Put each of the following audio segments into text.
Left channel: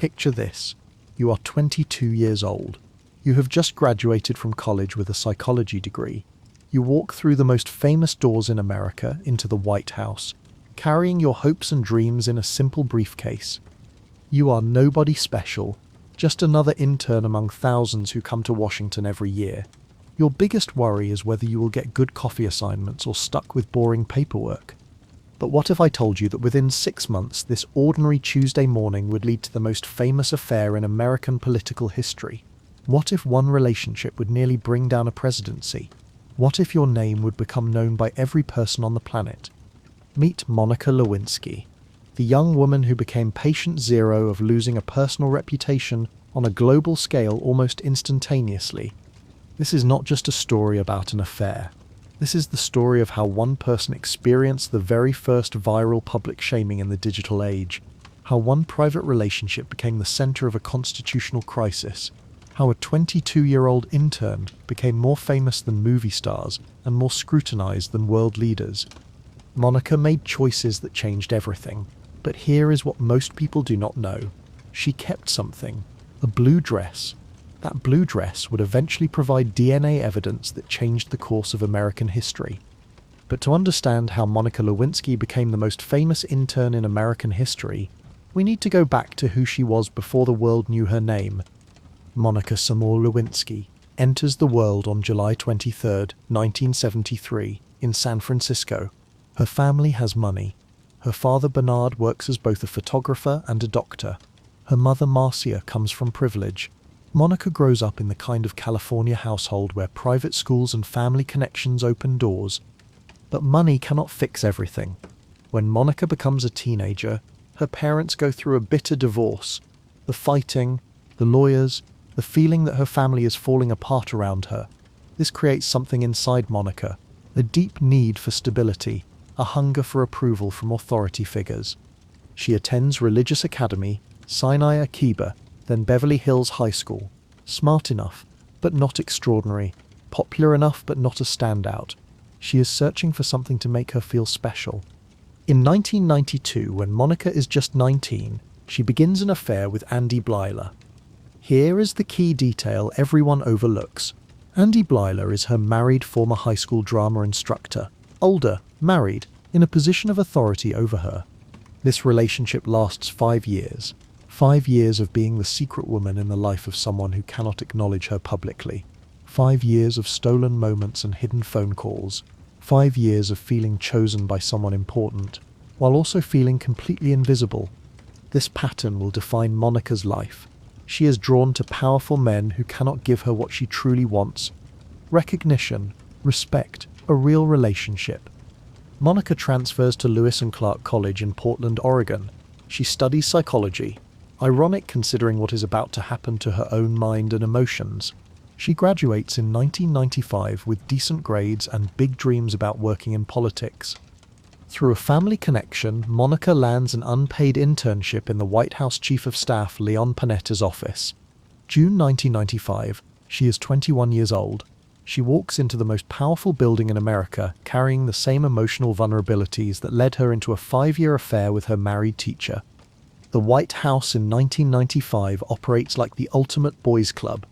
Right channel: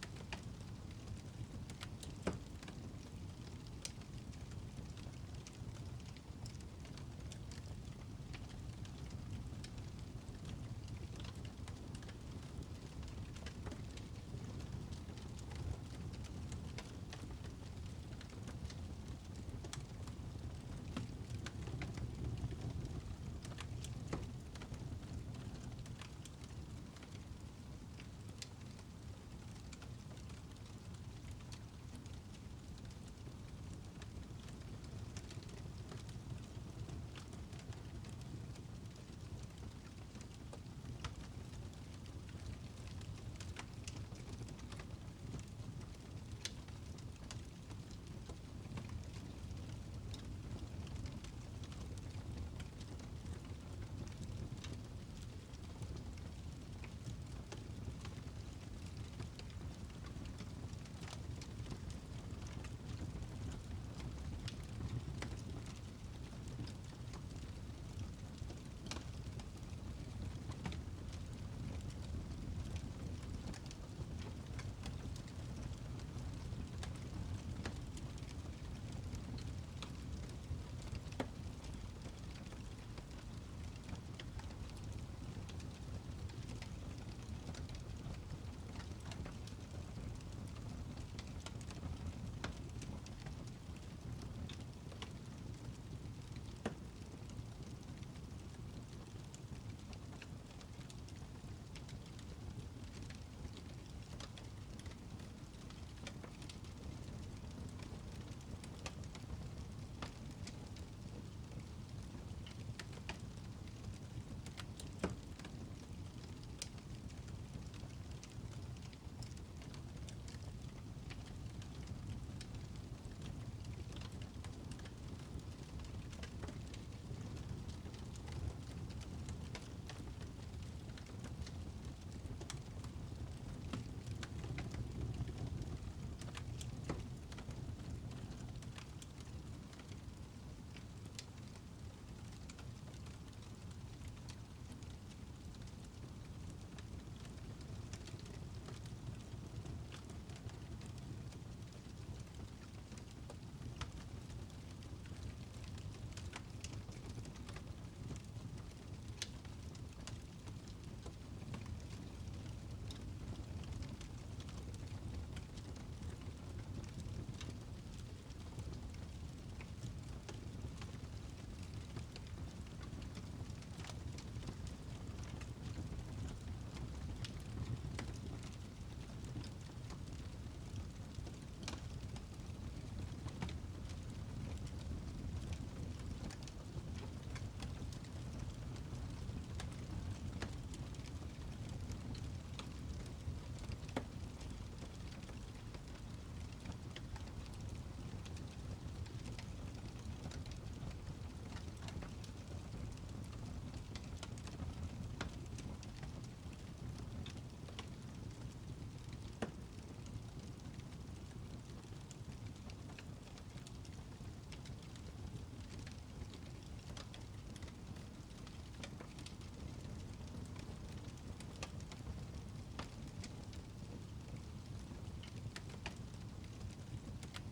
Picture this. You are 22 years old. You have just graduated from college with a psychology degree. You walk through the most famous doors in America into the White House, carrying your hopes and dreams in a simple briefcase. You are nobody special, just another intern among thousands who come to Washington every year. Your biggest worry is whether you will get good coffee assignments or stuck with boring paperwork. But what if I told you that within 6 months, this ordinary Tuesday morning would lead to the most famous affair in American political history? What if one relationship would nearly bring down a presidency? What if your name would become known by every person on the planet? Meet Monica Lewinsky, the young woman who became patient zero of losing a personal reputation on a global scale almost instantaneously. This is not just a story about an affair. This is the story of how one person experienced the very first viral public shaming in the digital age, how one private relationship became the center of a constitutional crisis, how a 22-year-old intern became more famous than movie stars and more scrutinized than world leaders. Monica made choices that changed everything, but here is what most people do not know. She kept something, a blue dress. That blue dress would eventually provide DNA evidence that changed the course of American history. But to understand how Monica Lewinsky became the most famous intern in American history, we need to go back to who she was before the world knew her name. Monica Seymour Lewinsky enters the world on July 23, 1973, in San Francisco. Her family has money. Her father Bernard works as both a photographer and a doctor. Her mother Marcia comes from privilege. Monica grows up in the kind of California household where private schools and family connections open doors. But money cannot fix everything. When Monica becomes a teenager, her parents go through a bitter divorce. The fighting, the lawyers, the feeling that her family is falling apart around her. This creates something inside Monica, a deep need for stability, a hunger for approval from authority figures. She attends Religious Academy, Sinai Akiba, then Beverly Hills High School. Smart enough, but not extraordinary. Popular enough, but not a standout. She is searching for something to make her feel special. In 1992, when Monica is just 19, she begins an affair with Andy Blyler. Here is the key detail everyone overlooks. Andy Blyler is her married former high school drama instructor. Older, married, in a position of authority over her. This relationship lasts 5 years. 5 years of being the secret woman in the life of someone who cannot acknowledge her publicly. 5 years of stolen moments and hidden phone calls. 5 years of feeling chosen by someone important, while also feeling completely invisible. This pattern will define Monica's life. She is drawn to powerful men who cannot give her what she truly wants: recognition, respect, a real relationship. Monica transfers to Lewis and Clark College in Portland, Oregon. She studies psychology. Ironic considering what is about to happen to her own mind and emotions. She graduates in 1995 with decent grades and big dreams about working in politics. Through a family connection, Monica lands an unpaid internship in the White House Chief of Staff Leon Panetta's office. June 1995, she is 21 years old. She walks into the most powerful building in America, carrying the same emotional vulnerabilities that led her into a 5-year affair with her married teacher. The White House in 1995 operates like the ultimate boys' club.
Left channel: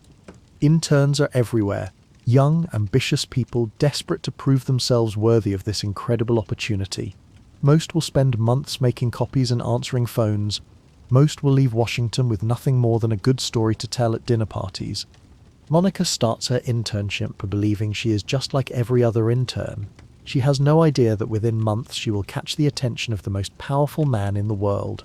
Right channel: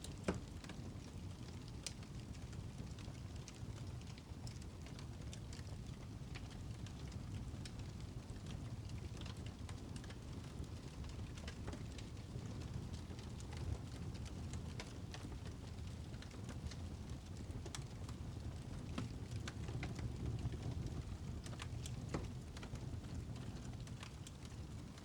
Interns are everywhere, young, ambitious people desperate to prove themselves worthy of this incredible opportunity. Most will spend months making copies and answering phones. Most will leave Washington with nothing more than a good story to tell at dinner parties. Monica starts her internship believing she is just like every other intern. She has no idea that within months she will catch the attention of the most powerful man in the world.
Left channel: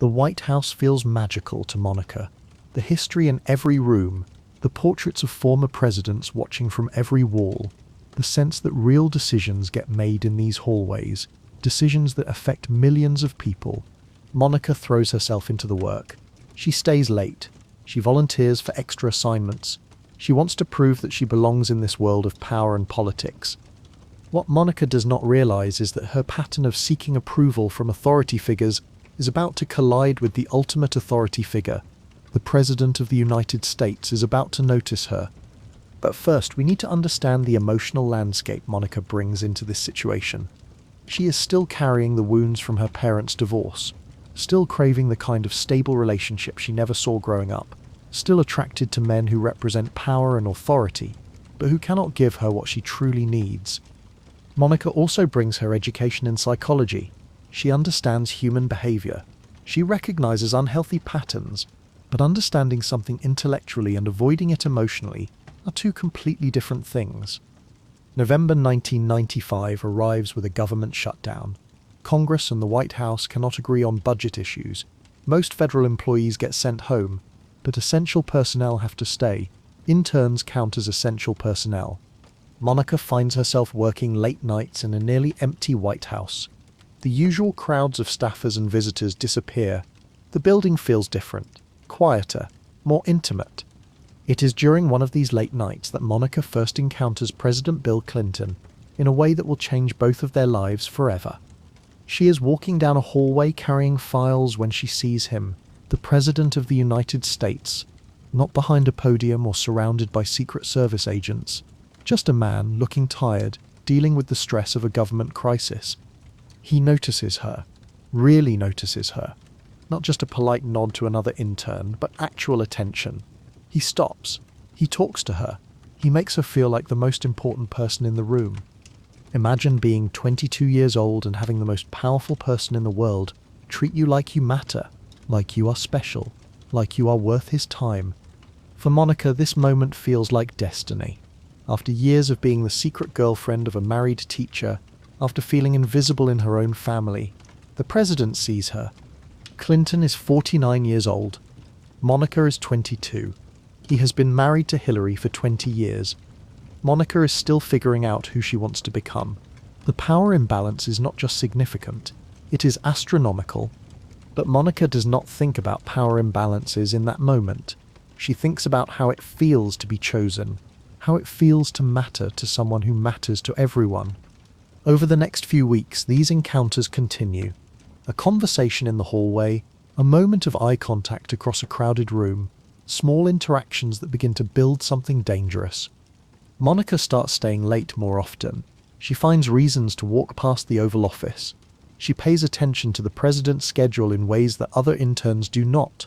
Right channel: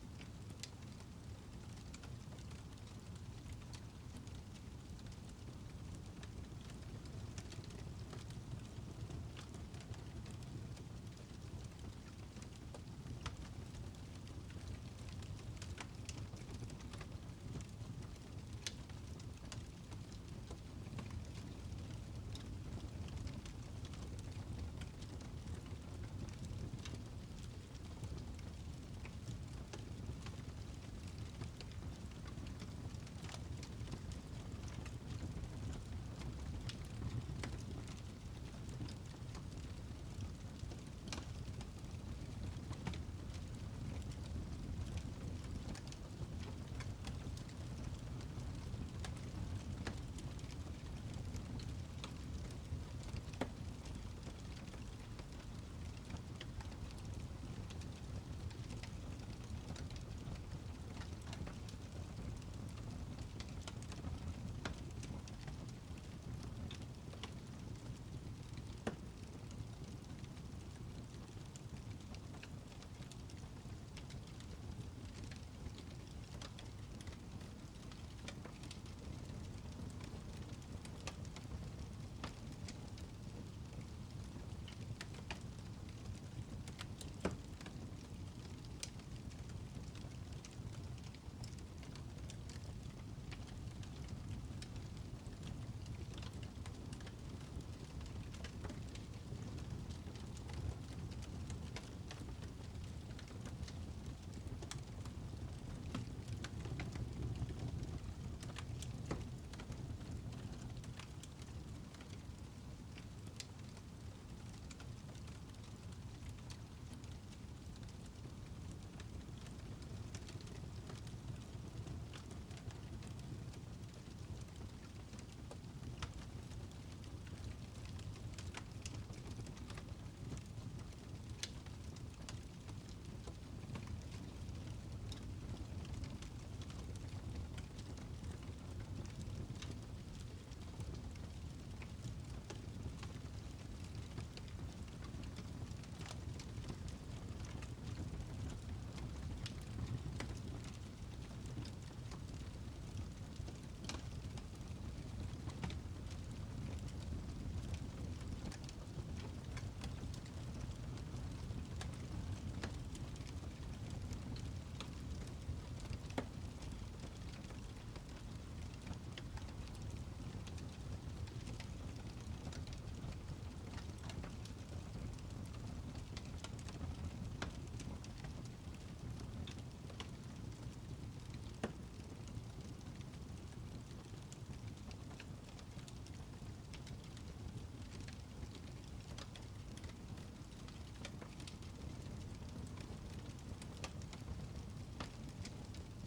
The White House feels magical to Monica. The history in every room, the portraits of former presidents watching from every wall, the sense that real decisions get made in these hallways, decisions that affect millions of people. Monica throws herself into the work. She stays late. She volunteers for extra assignments. She wants to prove that she belongs in this world of power and politics. What Monica does not realize is that her pattern of seeking approval from authority figures is about to collide with the ultimate authority figure. The President of the United States is about to notice her. But first, we need to understand the emotional landscape Monica brings into this situation. She is still carrying the wounds from her parents' divorce. still craving the kind of stable relationship she never saw growing up, still attracted to men who represent power and authority, but who cannot give her what she truly needs. Monica also brings her education in psychology. She understands human behavior. She recognizes unhealthy patterns, but understanding something intellectually and avoiding it emotionally are two completely different things. November 1995 arrives with a government shutdown. Congress and the White House cannot agree on budget issues. Most federal employees get sent home, but essential personnel have to stay. Interns count as essential personnel. Monica finds herself working late nights in a nearly empty White House. The usual crowds of staffers and visitors disappear. The building feels different, quieter, more intimate. It is during one of these late nights that Monica first encounters President Bill Clinton in a way that will change both of their lives forever. She is walking down a hallway carrying files when she sees him, the President of the United States, not behind a podium or surrounded by Secret Service agents, just a man looking tired, dealing with the stress of a government crisis. He notices her, really notices her. Not just a polite nod to another intern, but actual attention. He stops. He talks to her. He makes her feel like the most important person in the room. Imagine being 22 years old and having the most powerful person in the world treat you like you matter, like you are special, like you are worth his time. For Monica, this moment feels like destiny. After years of being the secret girlfriend of a married teacher, after feeling invisible in her own family, the president sees her. Clinton is 49 years old. Monica is 22. He has been married to Hillary for 20 years. Monica is still figuring out who she wants to become. The power imbalance is not just significant, it is astronomical. But Monica does not think about power imbalances in that moment. She thinks about how it feels to be chosen, how it feels to matter to someone who matters to everyone. Over the next few weeks, these encounters continue. A conversation in the hallway, a moment of eye contact across a crowded room, small interactions that begin to build something dangerous. Monica starts staying late more often. She finds reasons to walk past the Oval Office. She pays attention to the president's schedule in ways that other interns do not.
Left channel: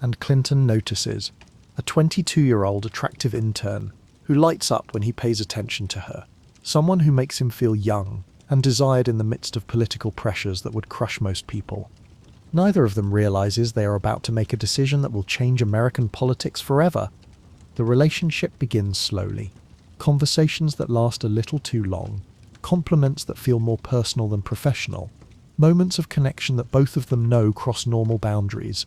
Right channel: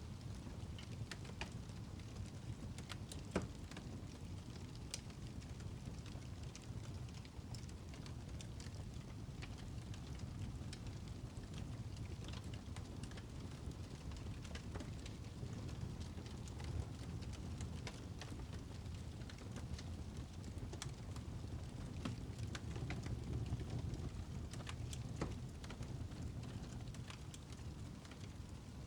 And Clinton notices, a 22-year-old attractive intern who lights up when he pays attention to her, someone who makes him feel young and desired in the midst of political pressures that would crush most people. Neither of them realizes they are about to make a decision that will change American politics forever. The relationship begins slowly. Conversations that last a little too long, compliments that feel more personal than professional, moments of connection that both of them know cross normal boundaries.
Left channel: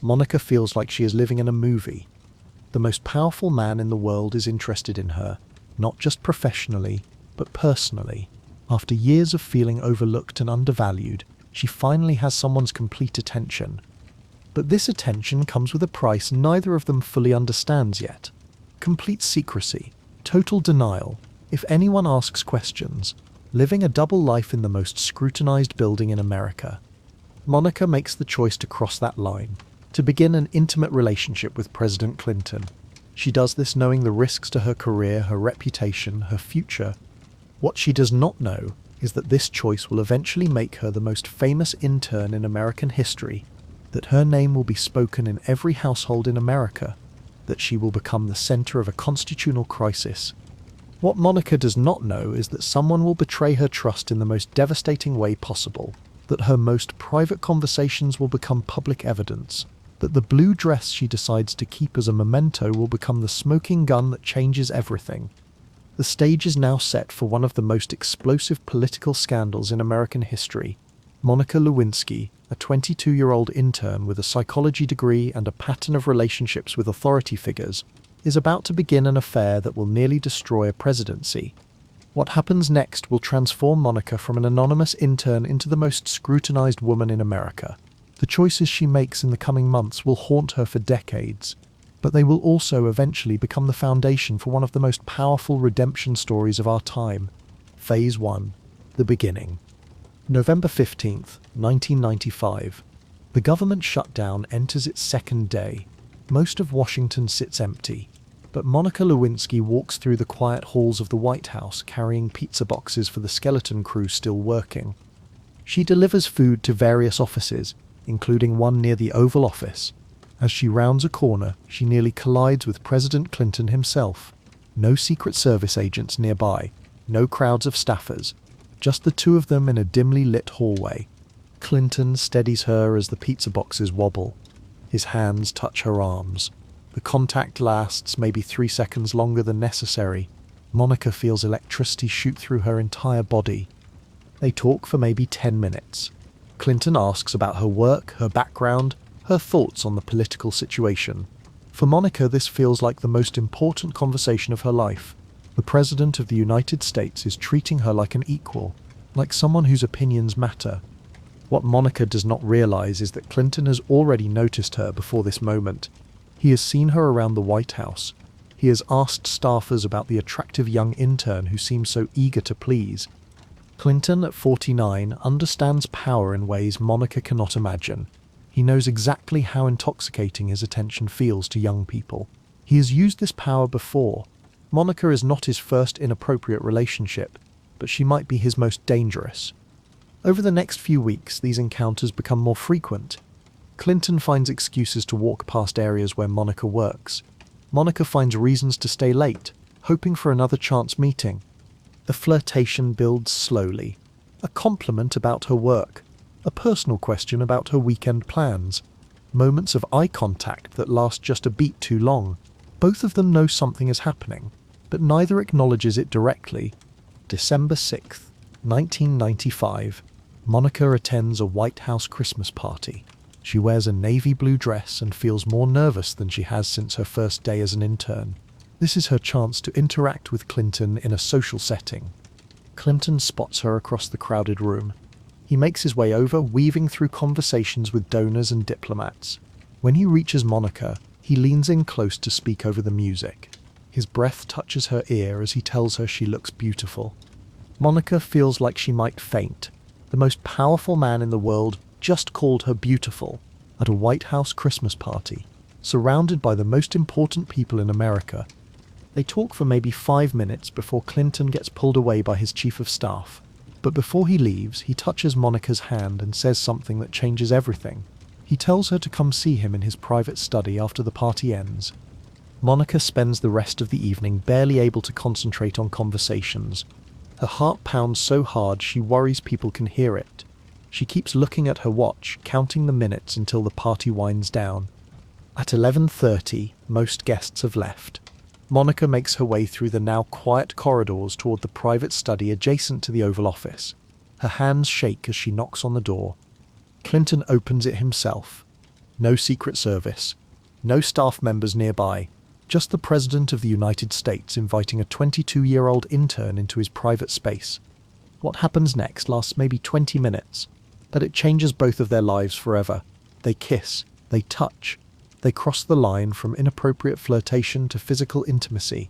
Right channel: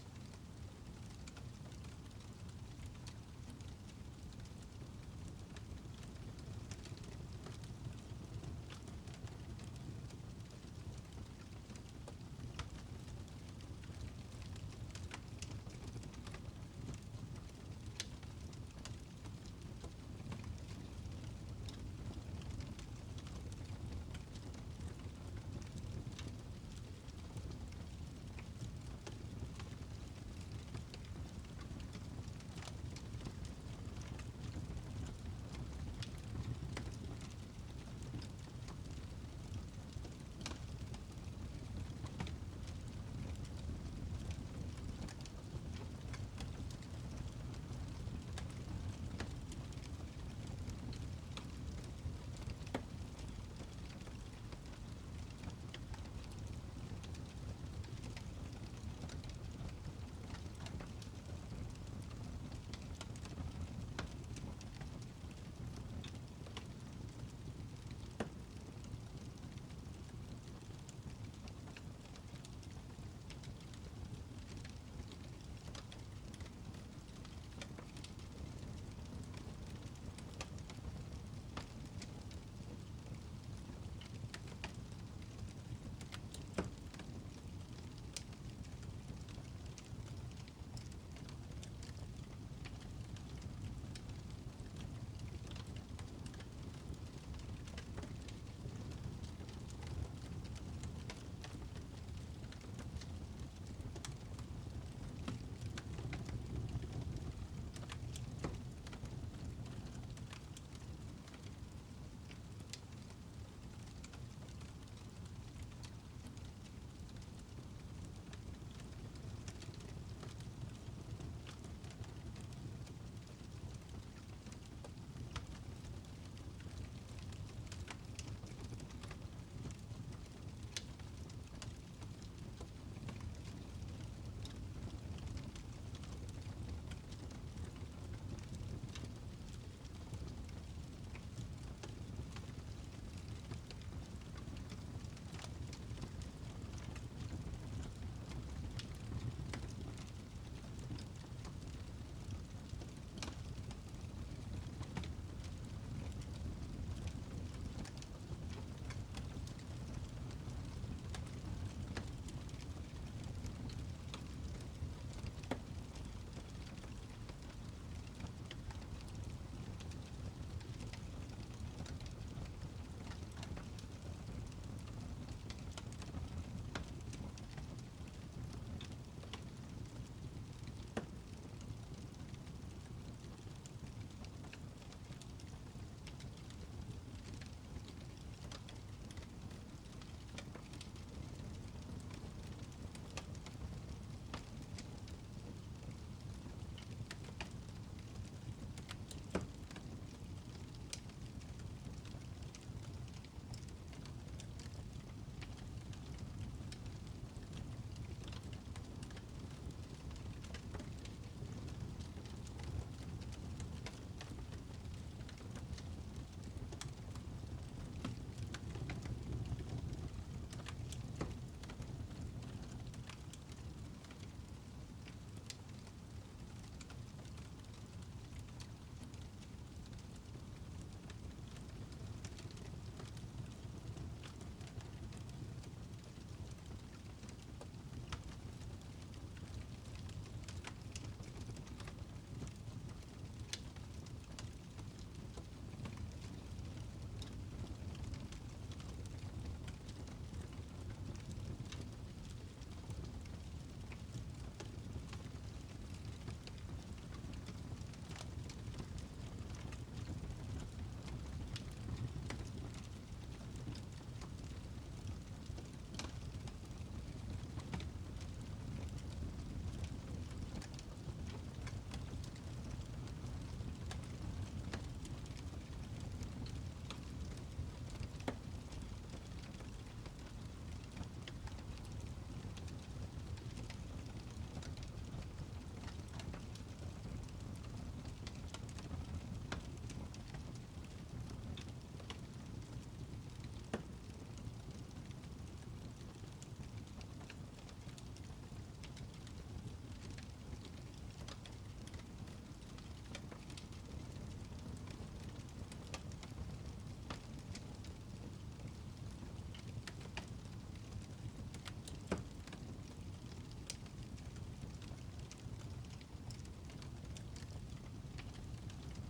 Monica feels like she is living in a movie. The most powerful man in the world is interested in her, not just professionally, but personally. After years of feeling overlooked and undervalued, she finally has someone's complete attention. But this attention comes with a price neither of them fully understands yet. Complete secrecy. Total denial, if anyone asks questions, living a double life in the most scrutinized building in America. Monica makes the choice to cross that line, to begin an intimate relationship with President Clinton. She does this knowing the risks to her career, her reputation, her future. What she does not know is that this choice will eventually make her the most famous intern in American history, that her name will be spoken in every household in America, that she will become the center of a constitutional crisis. What Monica does not know is that someone will betray her trust in the most devastating way possible, that her most private conversations will become public evidence, that the blue dress she decides to keep as a memento will become the smoking gun that changes everything. The stage is now set for one of the most explosive political scandals in American history. Monica Lewinsky, a 22-year-old intern with a psychology degree and a pattern of relationships with authority figures, is about to begin an affair that will nearly destroy a presidency. What happens next will transform Monica from an anonymous intern into the most scrutinized woman in America. The choices she makes in the coming months will haunt her for decades, but they will also eventually become the foundation for one of the most powerful redemption stories of our time. Phase 1. The beginning. November 15th, 1995. The government shutdown enters its second day. Most of Washington sits empty, but Monica Lewinsky walks through the quiet halls of the White House carrying pizza boxes for the skeleton crew still working. She delivers food to various offices, including one near the Oval Office. As she rounds a corner, she nearly collides with President Clinton himself. No Secret Service agents nearby, no crowds of staffers, just the two of them in a dimly lit hallway. Clinton steadies her as the pizza boxes wobble. His hands touch her arms. The contact lasts maybe 3 seconds longer than necessary. Monica feels electricity shoot through her entire body. They talk for maybe 10 minutes. Clinton asks about her work, her background, her thoughts on the political situation. For Monica, this feels like the most important conversation of her life. The President of the United States is treating her like an equal, like someone whose opinions matter. What Monica does not realize is that Clinton has already noticed her before this moment. He has seen her around the White House. He has asked staffers about the attractive young intern who seems so eager to please. Clinton, at 49, understands power in ways Monica cannot imagine. He knows exactly how intoxicating his attention feels to young people. He has used this power before. Monica is not his first inappropriate relationship, but she might be his most dangerous. Over the next few weeks, these encounters become more frequent. Clinton finds excuses to walk past areas where Monica works. Monica finds reasons to stay late, hoping for another chance meeting. The flirtation builds slowly. A compliment about her work, a personal question about her weekend plans, moments of eye contact that last just a beat too long. Both of them know something is happening, but neither acknowledges it directly. December 6th, 1995. Monica attends a White House Christmas party. She wears a navy blue dress and feels more nervous than she has since her first day as an intern. This is her chance to interact with Clinton in a social setting. Clinton spots her across the crowded room. He makes his way over, weaving through conversations with donors and diplomats. When he reaches Monica, he leans in close to speak over the music. His breath touches her ear as he tells her she looks beautiful. Monica feels like she might faint. The most powerful man in the world just called her beautiful at a White House Christmas party, surrounded by the most important people in America. They talk for maybe 5 minutes before Clinton gets pulled away by his chief of staff. But before he leaves, he touches Monica's hand and says something that changes everything. He tells her to come see him in his private study after the party ends. Monica spends the rest of the evening barely able to concentrate on conversations. Her heart pounds so hard she worries people can hear it. She keeps looking at her watch, counting the minutes until the party winds down. At 11:30, most guests have left. Monica makes her way through the now quiet corridors toward the private study adjacent to the Oval Office. Her hands shake as she knocks on the door. Clinton opens it himself. No Secret Service. No staff members nearby. Just the President of the United States inviting a 22-year-old intern into his private space. What happens next lasts maybe 20 minutes, but it changes both of their lives forever. They kiss. They touch. They cross the line from inappropriate flirtation to physical intimacy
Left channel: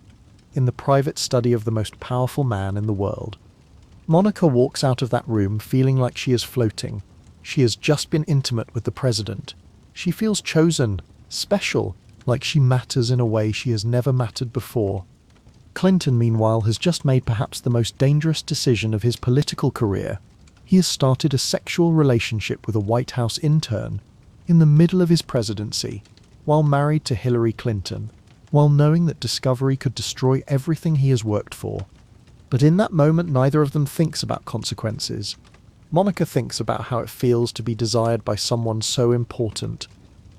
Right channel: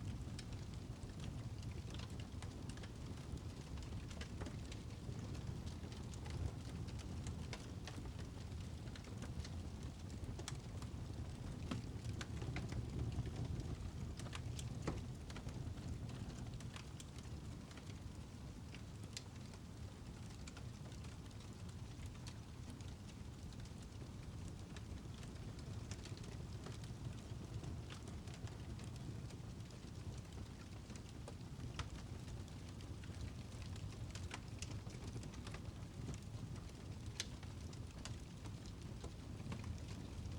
in the private study of the most powerful man in the world. Monica walks out of that room feeling like she is floating. She has just been intimate with the president. She feels chosen, special, like she matters in a way she has never mattered before. Clinton, meanwhile, has just made perhaps the most dangerous decision of his political career. He has started a sexual relationship with a White House intern in the middle of his presidency, while married to Hillary Clinton, while knowing that discovery could destroy everything he has worked for. But in that moment, neither of them thinks about consequences. Monica thinks about how it feels to be desired by someone so important.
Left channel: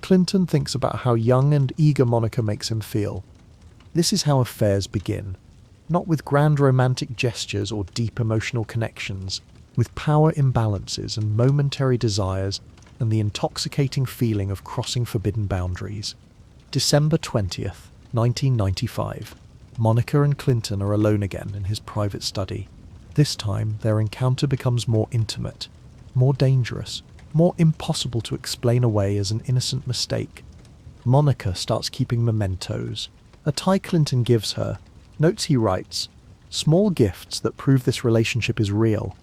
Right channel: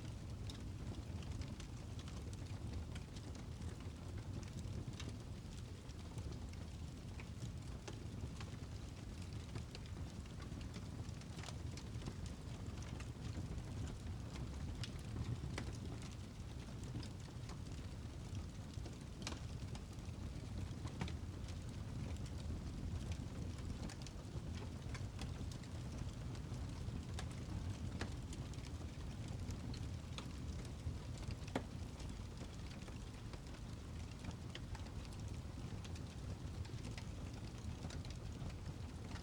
Clinton thinks about how young and eager Monica makes him feel. This is how affairs begin. Not with grand romantic gestures or deep emotional connections, with power imbalances and momentary desires and the intoxicating feeling of crossing forbidden boundaries. December 20th, 1995. Monica and Clinton are alone again in his private study. This time, their encounter becomes more intimate, more dangerous, more impossible to explain away as an innocent mistake. Monica starts keeping mementos. A tie Clinton gives her, notes he writes, small gifts that prove this relationship is real.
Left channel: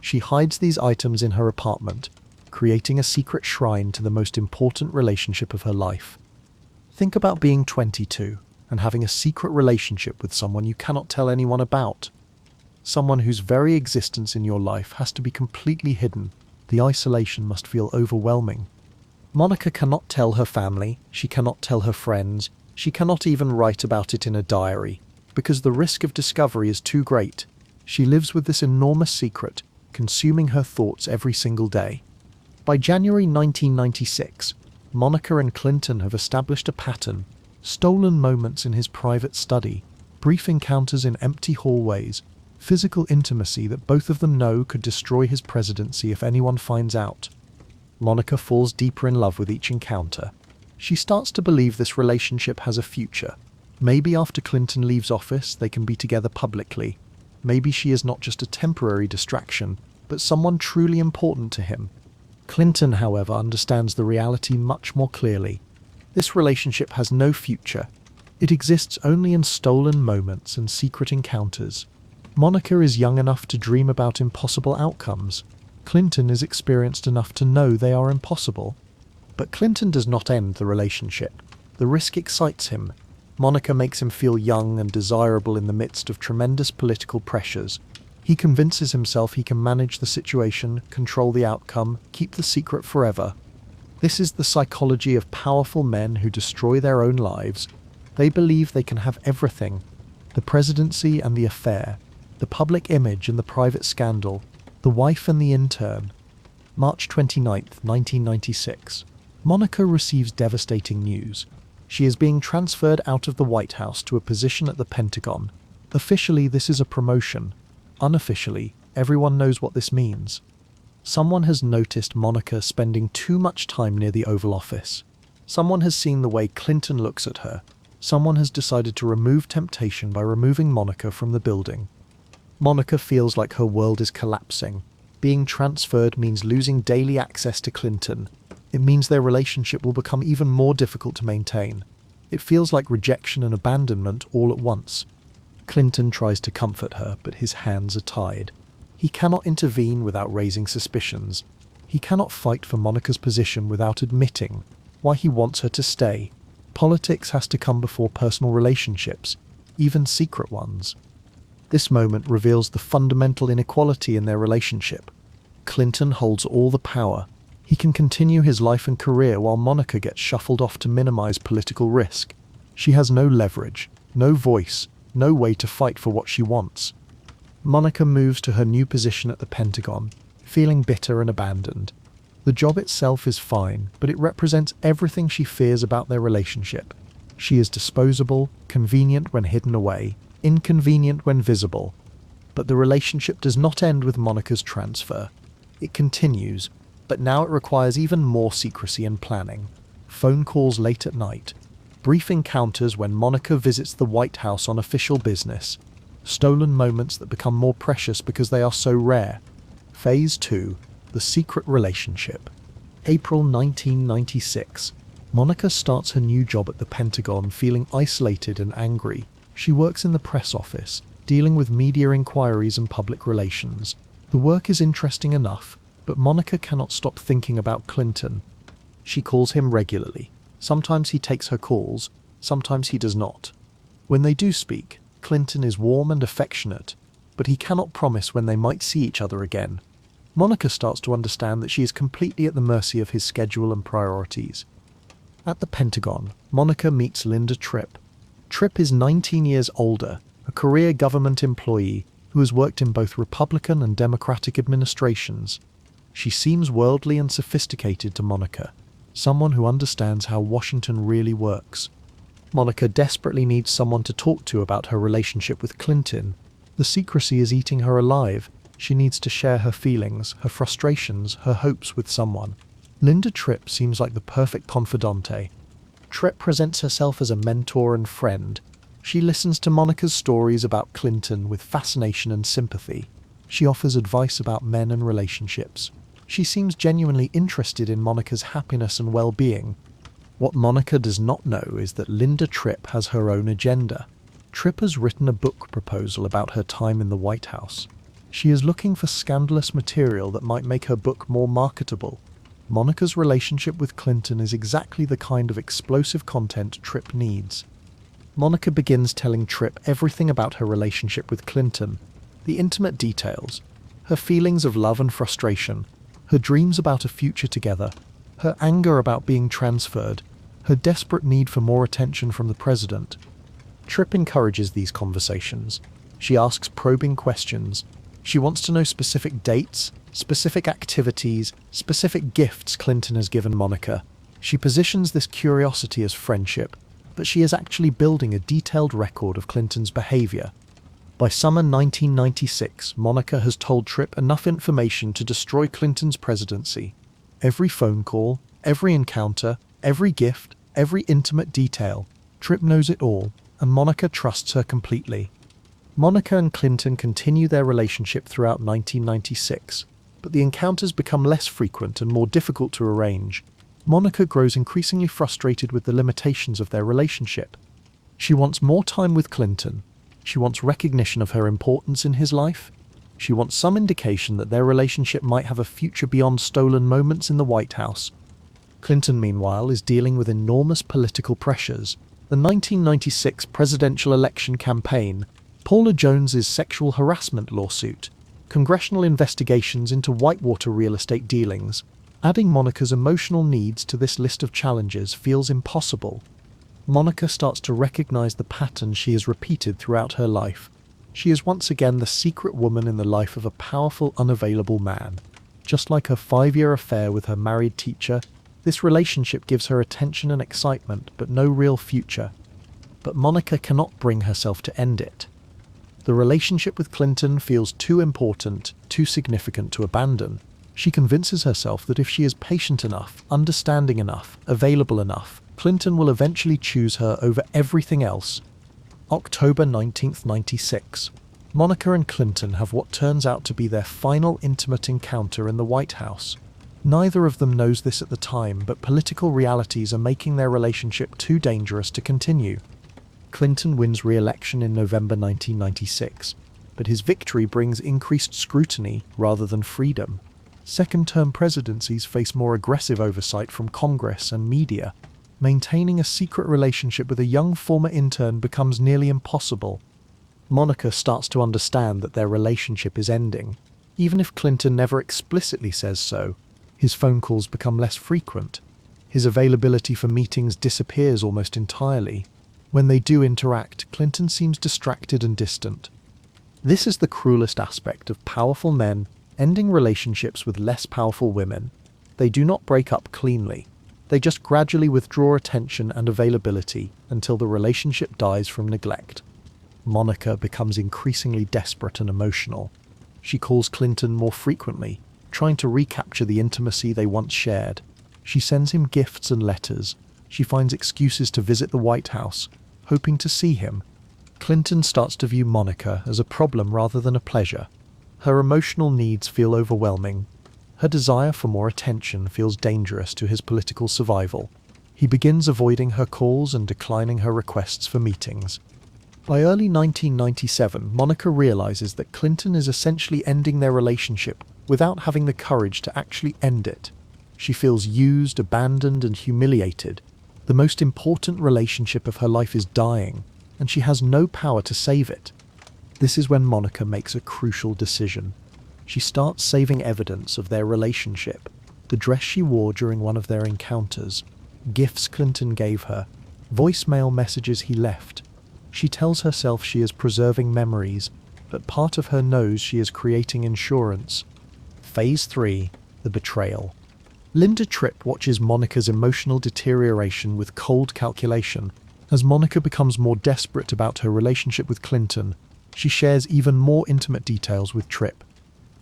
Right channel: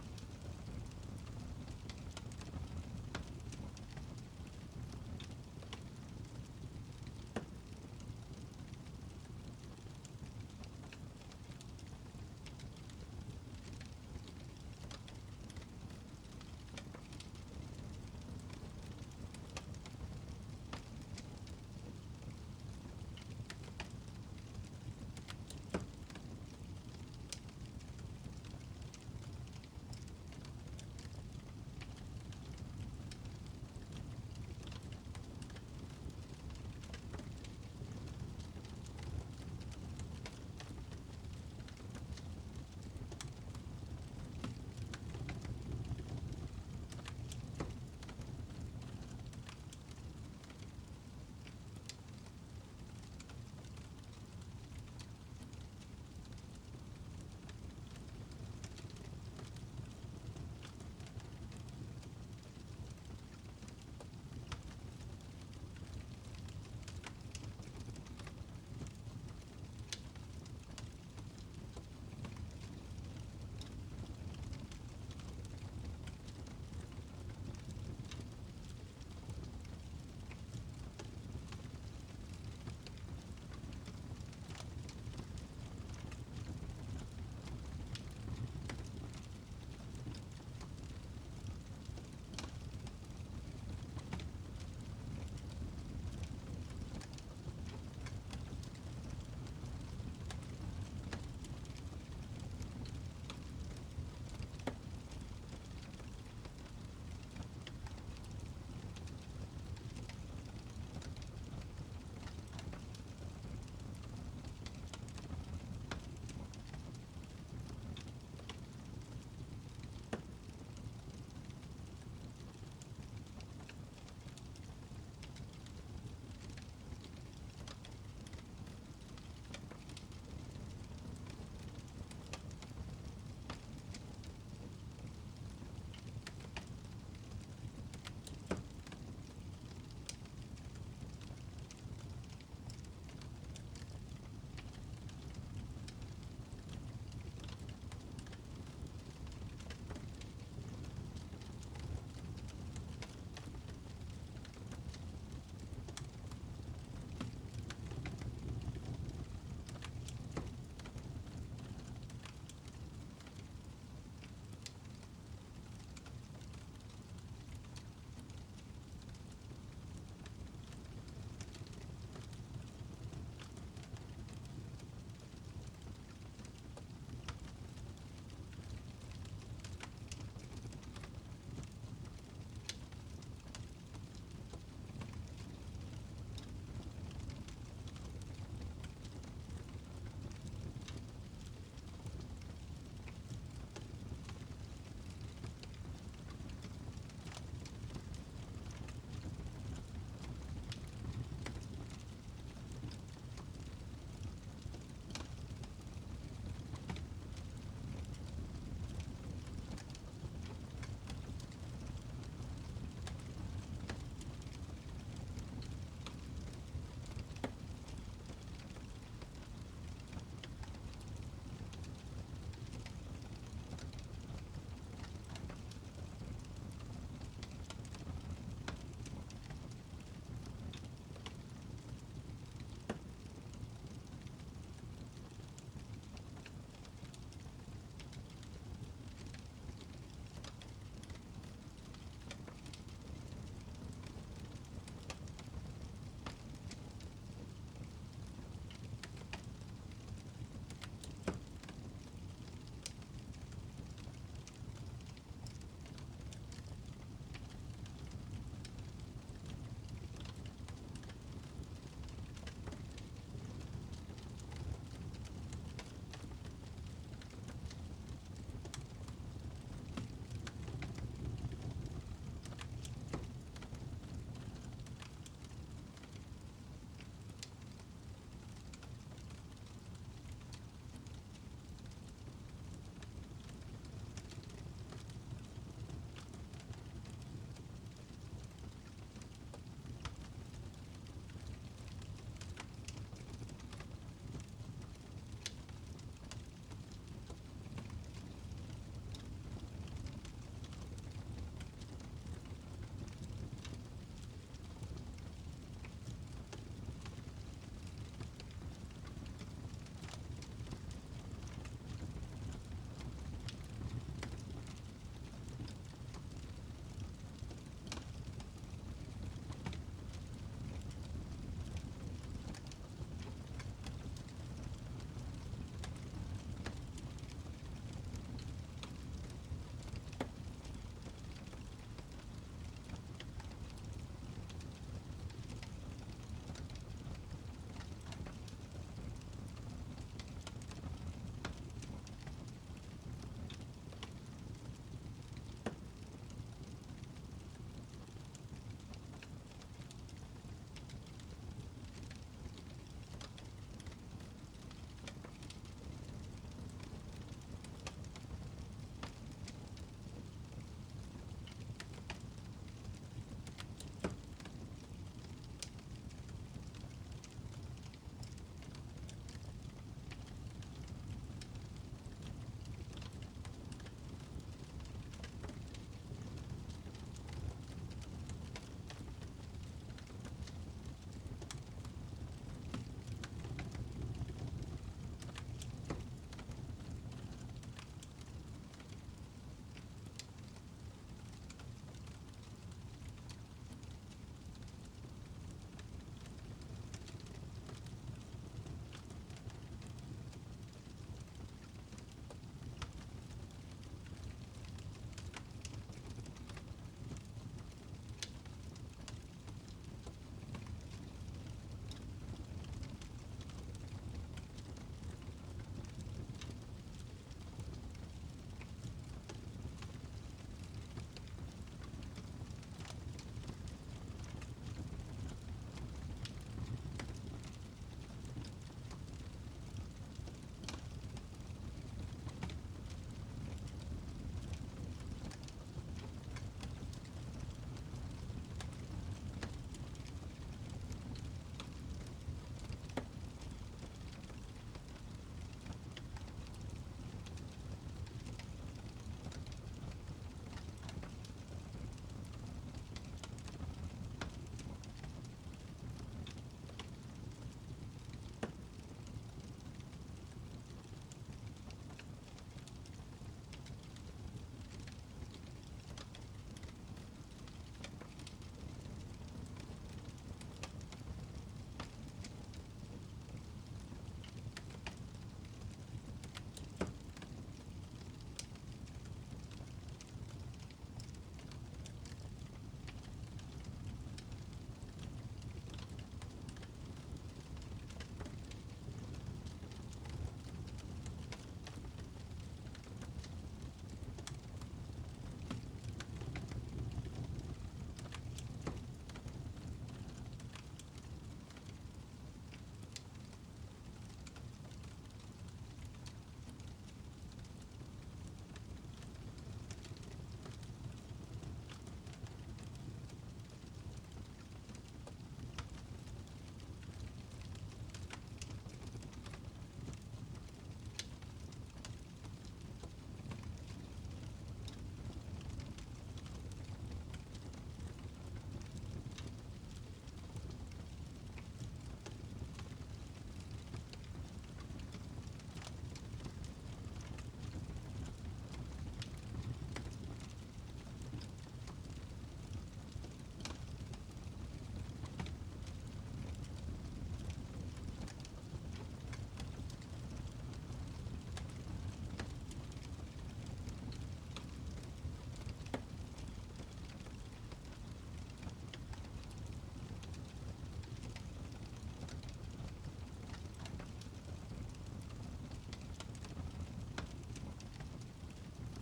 She hides these items in her apartment, creating a secret shrine to the most important relationship of her life. Think about being 22 and having a secret relationship with someone you cannot tell anyone about. Someone whose very existence in your life has to be completely hidden. The isolation must feel overwhelming. Monica cannot tell her family, she cannot tell her friends, she cannot even write about it in a diary, because the risk of discovery is too great. She lives with this enormous secret, consuming her thoughts every single day. By January 1996, Monica and Clinton have established a pattern: stolen moments in his private study, brief encounters in empty hallways, physical intimacy that both of them know could destroy his presidency if anyone finds out. Monica falls deeper in love with each encounter. She starts to believe this relationship has a future. Maybe after Clinton leaves office, they can be together publicly. Maybe she is not just a temporary distraction, but someone truly important to him. Clinton, however, understands the reality much more clearly. This relationship has no future. It exists only in stolen moments and secret encounters. Monica is young enough to dream about impossible outcomes. Clinton is experienced enough to know they are impossible. But Clinton does not end the relationship. The risk excites him. Monica makes him feel young and desirable in the midst of tremendous political pressures. He convinces himself he can manage the situation, control the outcome, keep the secret forever. This is the psychology of powerful men who destroy their own lives. They believe they can have everything: the presidency and the affair, the public image and the private scandal, the wife and the intern. March 29, 1996. Monica receives devastating news. She is being transferred out of the White House to a position at the Pentagon. Officially, this is a promotion. Unofficially, everyone knows what this means. Someone has noticed Monica spending too much time near the Oval Office. Someone has seen the way Clinton looks at her. Someone has decided to remove temptation by removing Monica from the building. Monica feels like her world is collapsing. Being transferred means losing daily access to Clinton. It means their relationship will become even more difficult to maintain. It feels like rejection and abandonment all at once. Clinton tries to comfort her, but his hands are tied. He cannot intervene without raising suspicions. He cannot fight for Monica's position without admitting why he wants her to stay. Politics has to come before personal relationships, even secret ones. This moment reveals the fundamental inequality in their relationship. Clinton holds all the power. He can continue his life and career while Monica gets shuffled off to minimize political risk. She has no leverage, no voice, no way to fight for what she wants. Monica moves to her new position at the Pentagon, feeling bitter and abandoned. The job itself is fine, but it represents everything she fears about their relationship. She is disposable, convenient when hidden away, inconvenient when visible. But the relationship does not end with Monica's transfer. It continues, but now it requires even more secrecy and planning. Phone calls late at night, brief encounters when Monica visits the White House on official business, stolen moments that become more precious because they are so rare. Phase 2. The secret relationship. April 1996. Monica starts her new job at the Pentagon feeling isolated and angry. She works in the press office, dealing with media inquiries and public relations. The work is interesting enough, but Monica cannot stop thinking about Clinton. She calls him regularly. Sometimes he takes her calls, sometimes he does not. When they do speak, Clinton is warm and affectionate, but he cannot promise when they might see each other again. Monica starts to understand that she is completely at the mercy of his schedule and priorities. At the Pentagon, Monica meets Linda Tripp. Tripp is 19 years older, a career government employee who has worked in both Republican and Democratic administrations. She seems worldly and sophisticated to Monica, someone who understands how Washington really works. Monica desperately needs someone to talk to about her relationship with Clinton. The secrecy is eating her alive. She needs to share her feelings, her frustrations, her hopes with someone. Linda Tripp seems like the perfect confidante. Tripp presents herself as a mentor and friend. She listens to Monica's stories about Clinton with fascination and sympathy. She offers advice about men and relationships. She seems genuinely interested in Monica's happiness and well-being. What Monica does not know is that Linda Tripp has her own agenda. Tripp has written a book proposal about her time in the White House. She is looking for scandalous material that might make her book more marketable. Monica's relationship with Clinton is exactly the kind of explosive content Tripp needs. Monica begins telling Tripp everything about her relationship with Clinton, the intimate details, her feelings of love and frustration, her dreams about a future together. her anger about being transferred, her desperate need for more attention from the president. Tripp encourages these conversations. She asks probing questions. She wants to know specific dates, specific activities, specific gifts Clinton has given Monica. She positions this curiosity as friendship, but she is actually building a detailed record of Clinton's behavior. By summer 1996, Monica has told Tripp enough information to destroy Clinton's presidency. Every phone call, every encounter, every gift, every intimate detail. Tripp knows it all, and Monica trusts her completely. Monica and Clinton continue their relationship throughout 1996, but the encounters become less frequent and more difficult to arrange. Monica grows increasingly frustrated with the limitations of their relationship. She wants more time with Clinton. She wants recognition of her importance in his life. She wants some indication that their relationship might have a future beyond stolen moments in the White House. Clinton, meanwhile, is dealing with enormous political pressures. The 1996 presidential election campaign, Paula Jones's sexual harassment lawsuit, congressional investigations into Whitewater real estate dealings. Adding Monica's emotional needs to this list of challenges feels impossible. Monica starts to recognize the pattern she has repeated throughout her life. She is once again the secret woman in the life of a powerful, unavailable man. Just like her 5-year affair with her married teacher, this relationship gives her attention and excitement, but no real future. But Monica cannot bring herself to end it. The relationship with Clinton feels too important, too significant to abandon. She convinces herself that if she is patient enough, understanding enough, available enough, Clinton will eventually choose her over everything else. October 1996. Monica and Clinton have what turns out to be their final intimate encounter in the White House. Neither of them knows this at the time, but political realities are making their relationship too dangerous to continue. Clinton wins re-election in November 1996, but his victory brings increased scrutiny rather than freedom. Second-term presidencies face more aggressive oversight from Congress and media. Maintaining a secret relationship with a young former intern becomes nearly impossible. Monica starts to understand that their relationship is ending. Even if Clinton never explicitly says so, his phone calls become less frequent. His availability for meetings disappears almost entirely. When they do interact, Clinton seems distracted and distant. This is the cruelest aspect of powerful men ending relationships with less powerful women. They do not break up cleanly. They just gradually withdraw attention and availability until the relationship dies from neglect. Monica becomes increasingly desperate and emotional. She calls Clinton more frequently, trying to recapture the intimacy they once shared. She sends him gifts and letters. She finds excuses to visit the White House, hoping to see him. Clinton starts to view Monica as a problem rather than a pleasure. Her emotional needs feel overwhelming. Her desire for more attention feels dangerous to his political survival. He begins avoiding her calls and declining her requests for meetings. By early 1997, Monica realizes that Clinton is essentially ending their relationship without having the courage to actually end it. She feels used, abandoned, and humiliated. The most important relationship of her life is dying, and she has no power to save it. This is when Monica makes a crucial decision. She starts saving evidence of their relationship: the dress she wore during one of their encounters, gifts Clinton gave her, voicemail messages he left. She tells herself she is preserving memories, but part of her knows she is creating insurance. Phase 3. The betrayal. Linda Tripp watches Monica's emotional deterioration with cold calculation. As Monica becomes more desperate about her relationship with Clinton, she shares even more intimate details with Tripp.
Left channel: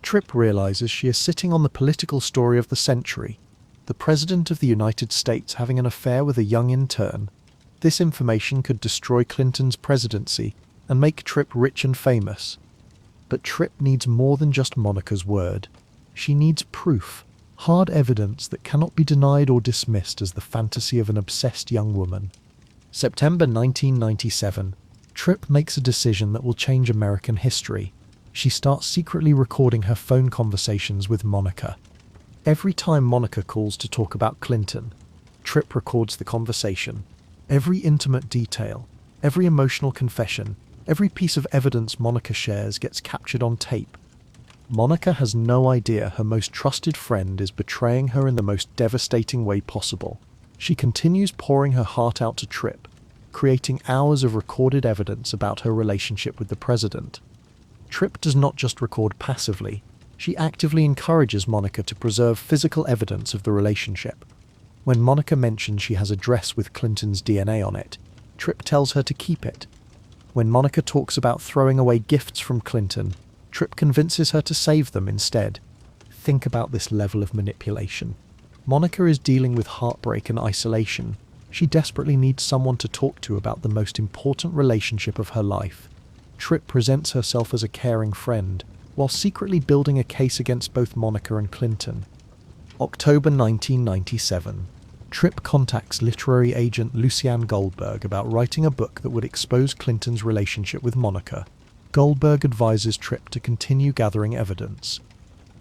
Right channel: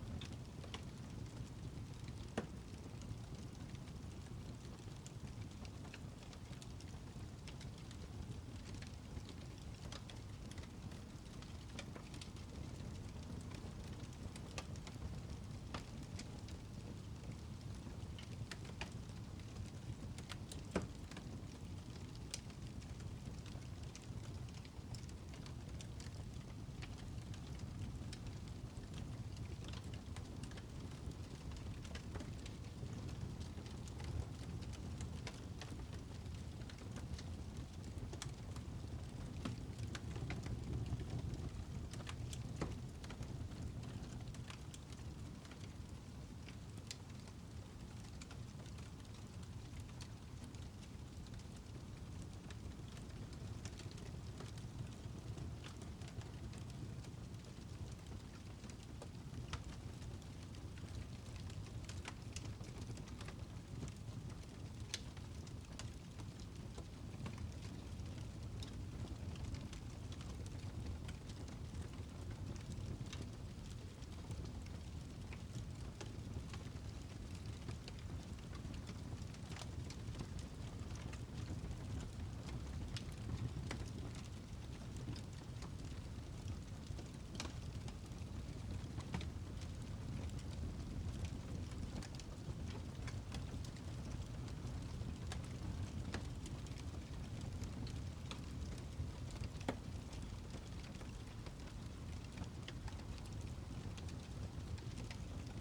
Tripp realizes she is sitting on the political story of the century, the President of the United States having an affair with a young intern. This information could destroy Clinton's presidency and make Tripp rich and famous. But Tripp needs more than just Monica's word. She needs proof, hard evidence that cannot be denied or dismissed as the fantasy of an obsessed young woman. September 1997. Tripp makes a decision that will change American history. She starts secretly recording her phone conversations with Monica. Every time Monica calls to talk about Clinton, Tripp records the conversation. Every intimate detail, every emotional confession, every piece of evidence Monica shares gets captured on tape. Monica has no idea her most trusted friend is betraying her in the most devastating way possible. She continues pouring her heart out to Tripp, creating hours of recorded evidence about her relationship with the president. Tripp does not just record passively, she actively encourages Monica to preserve physical evidence of the relationship. When Monica mentions she has a dress with Clinton's DNA on it, Tripp tells her to keep it. When Monica talks about throwing away gifts from Clinton, Tripp convinces her to save them instead. Think about this level of manipulation. Monica is dealing with heartbreak and isolation. She desperately needs someone to talk to about the most important relationship of her life. Tripp presents herself as a caring friend, while secretly building a case against both Monica and Clinton. October 1997. Tripp contacts literary agent Lucianne Goldberg about writing a book that would expose Clinton's relationship with Monica. Goldberg advises Tripp to continue gathering evidence.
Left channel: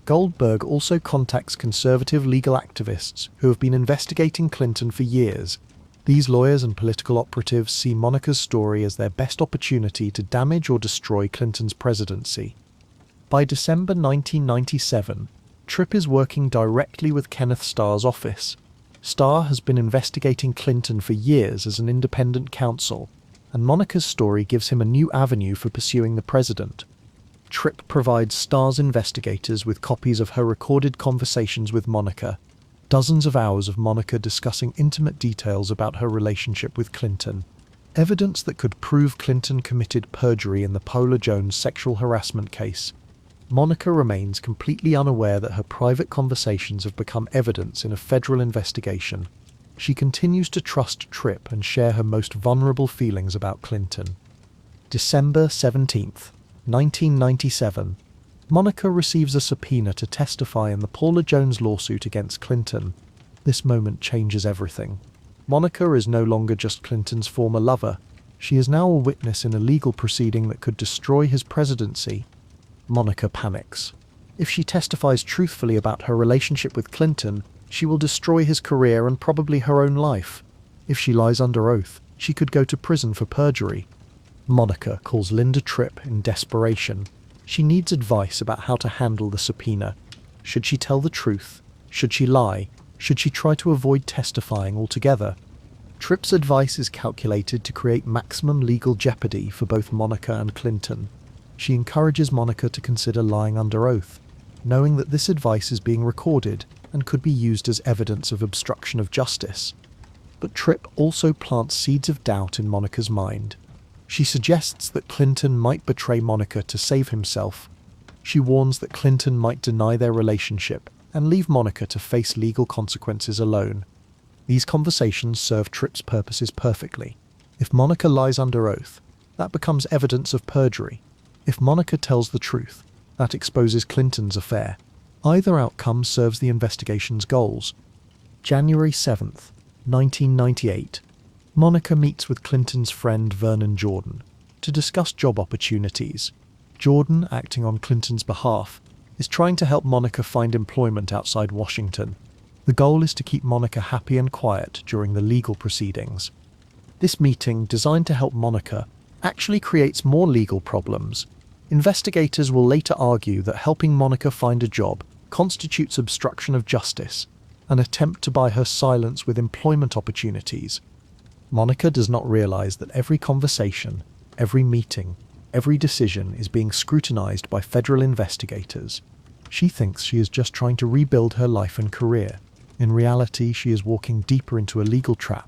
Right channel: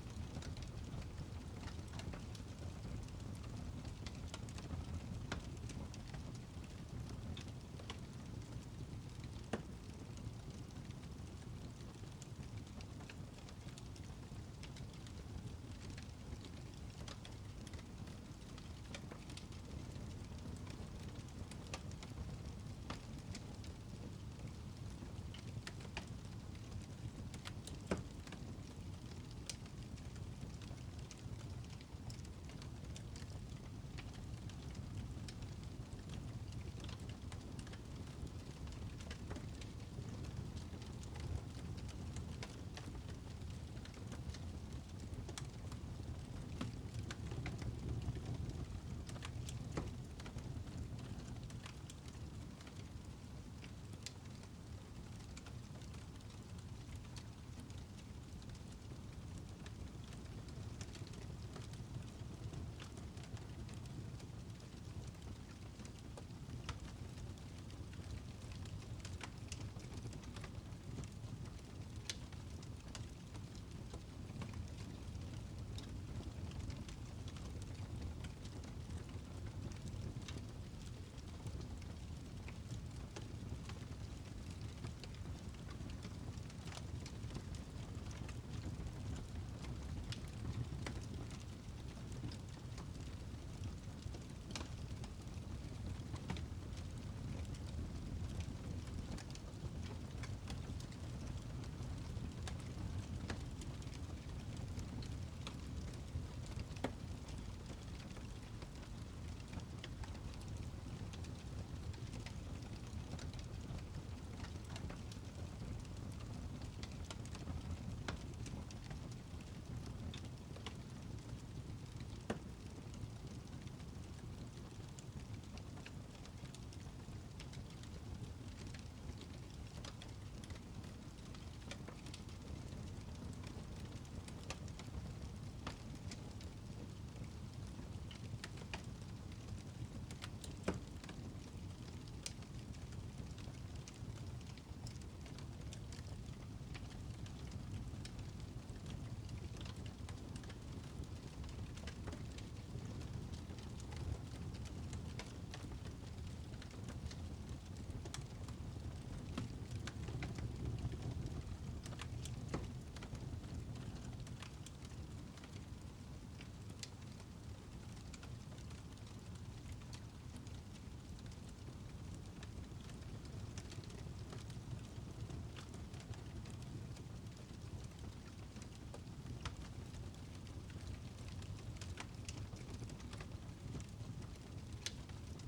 Goldberg also contacts conservative legal activists who have been investigating Clinton for years. These lawyers and political operatives see Monica's story as their best opportunity to damage or destroy Clinton's presidency. By December 1997, Tripp is working directly with Kenneth Starr's office. Starr has been investigating Clinton for years as an independent counsel, and Monica's story gives him a new avenue for pursuing the president. Tripp provides Starr's investigators with copies of her recorded conversations with Monica, dozens of hours of Monica discussing intimate details about her relationship with Clinton, evidence that could prove Clinton committed perjury in the Paula Jones sexual harassment case. Monica remains completely unaware that her private conversations have become evidence in a federal investigation. She continues to trust Tripp and share her most vulnerable feelings about Clinton. December 17th, 1997. Monica receives a subpoena to testify in the Paula Jones lawsuit against Clinton. This moment changes everything. Monica is no longer just Clinton's former lover. She is now a witness in a legal proceeding that could destroy his presidency. Monica panics. If she testifies truthfully about her relationship with Clinton, she will destroy his career and probably her own life. If she lies under oath, she could go to prison for perjury. Monica calls Linda Tripp in desperation. She needs advice about how to handle the subpoena. Should she tell the truth? Should she lie? Should she try to avoid testifying altogether? Tripp's advice is calculated to create maximum legal jeopardy for both Monica and Clinton. She encourages Monica to consider lying under oath, knowing that this advice is being recorded and could be used as evidence of obstruction of justice. But Tripp also plants seeds of doubt in Monica's mind. She suggests that Clinton might betray Monica to save himself. She warns that Clinton might deny their relationship and leave Monica to face legal consequences alone. These conversations serve Tripp's purposes perfectly. If Monica lies under oath, that becomes evidence of perjury. If Monica tells the truth, that exposes Clinton's affair. Either outcome serves the investigation's goals. January 7th, 1998. Monica meets with Clinton's friend Vernon Jordan to discuss job opportunities. Jordan, acting on Clinton's behalf, is trying to help Monica find employment outside Washington. The goal is to keep Monica happy and quiet during the legal proceedings. This meeting, designed to help Monica, actually creates more legal problems. Investigators will later argue that helping Monica find a job constitutes obstruction of justice, an attempt to buy her silence with employment opportunities. Monica does not realize that every conversation, every meeting, every decision is being scrutinized by federal investigators. She thinks she is just trying to rebuild her life and career. In reality, she is walking deeper into a legal trap.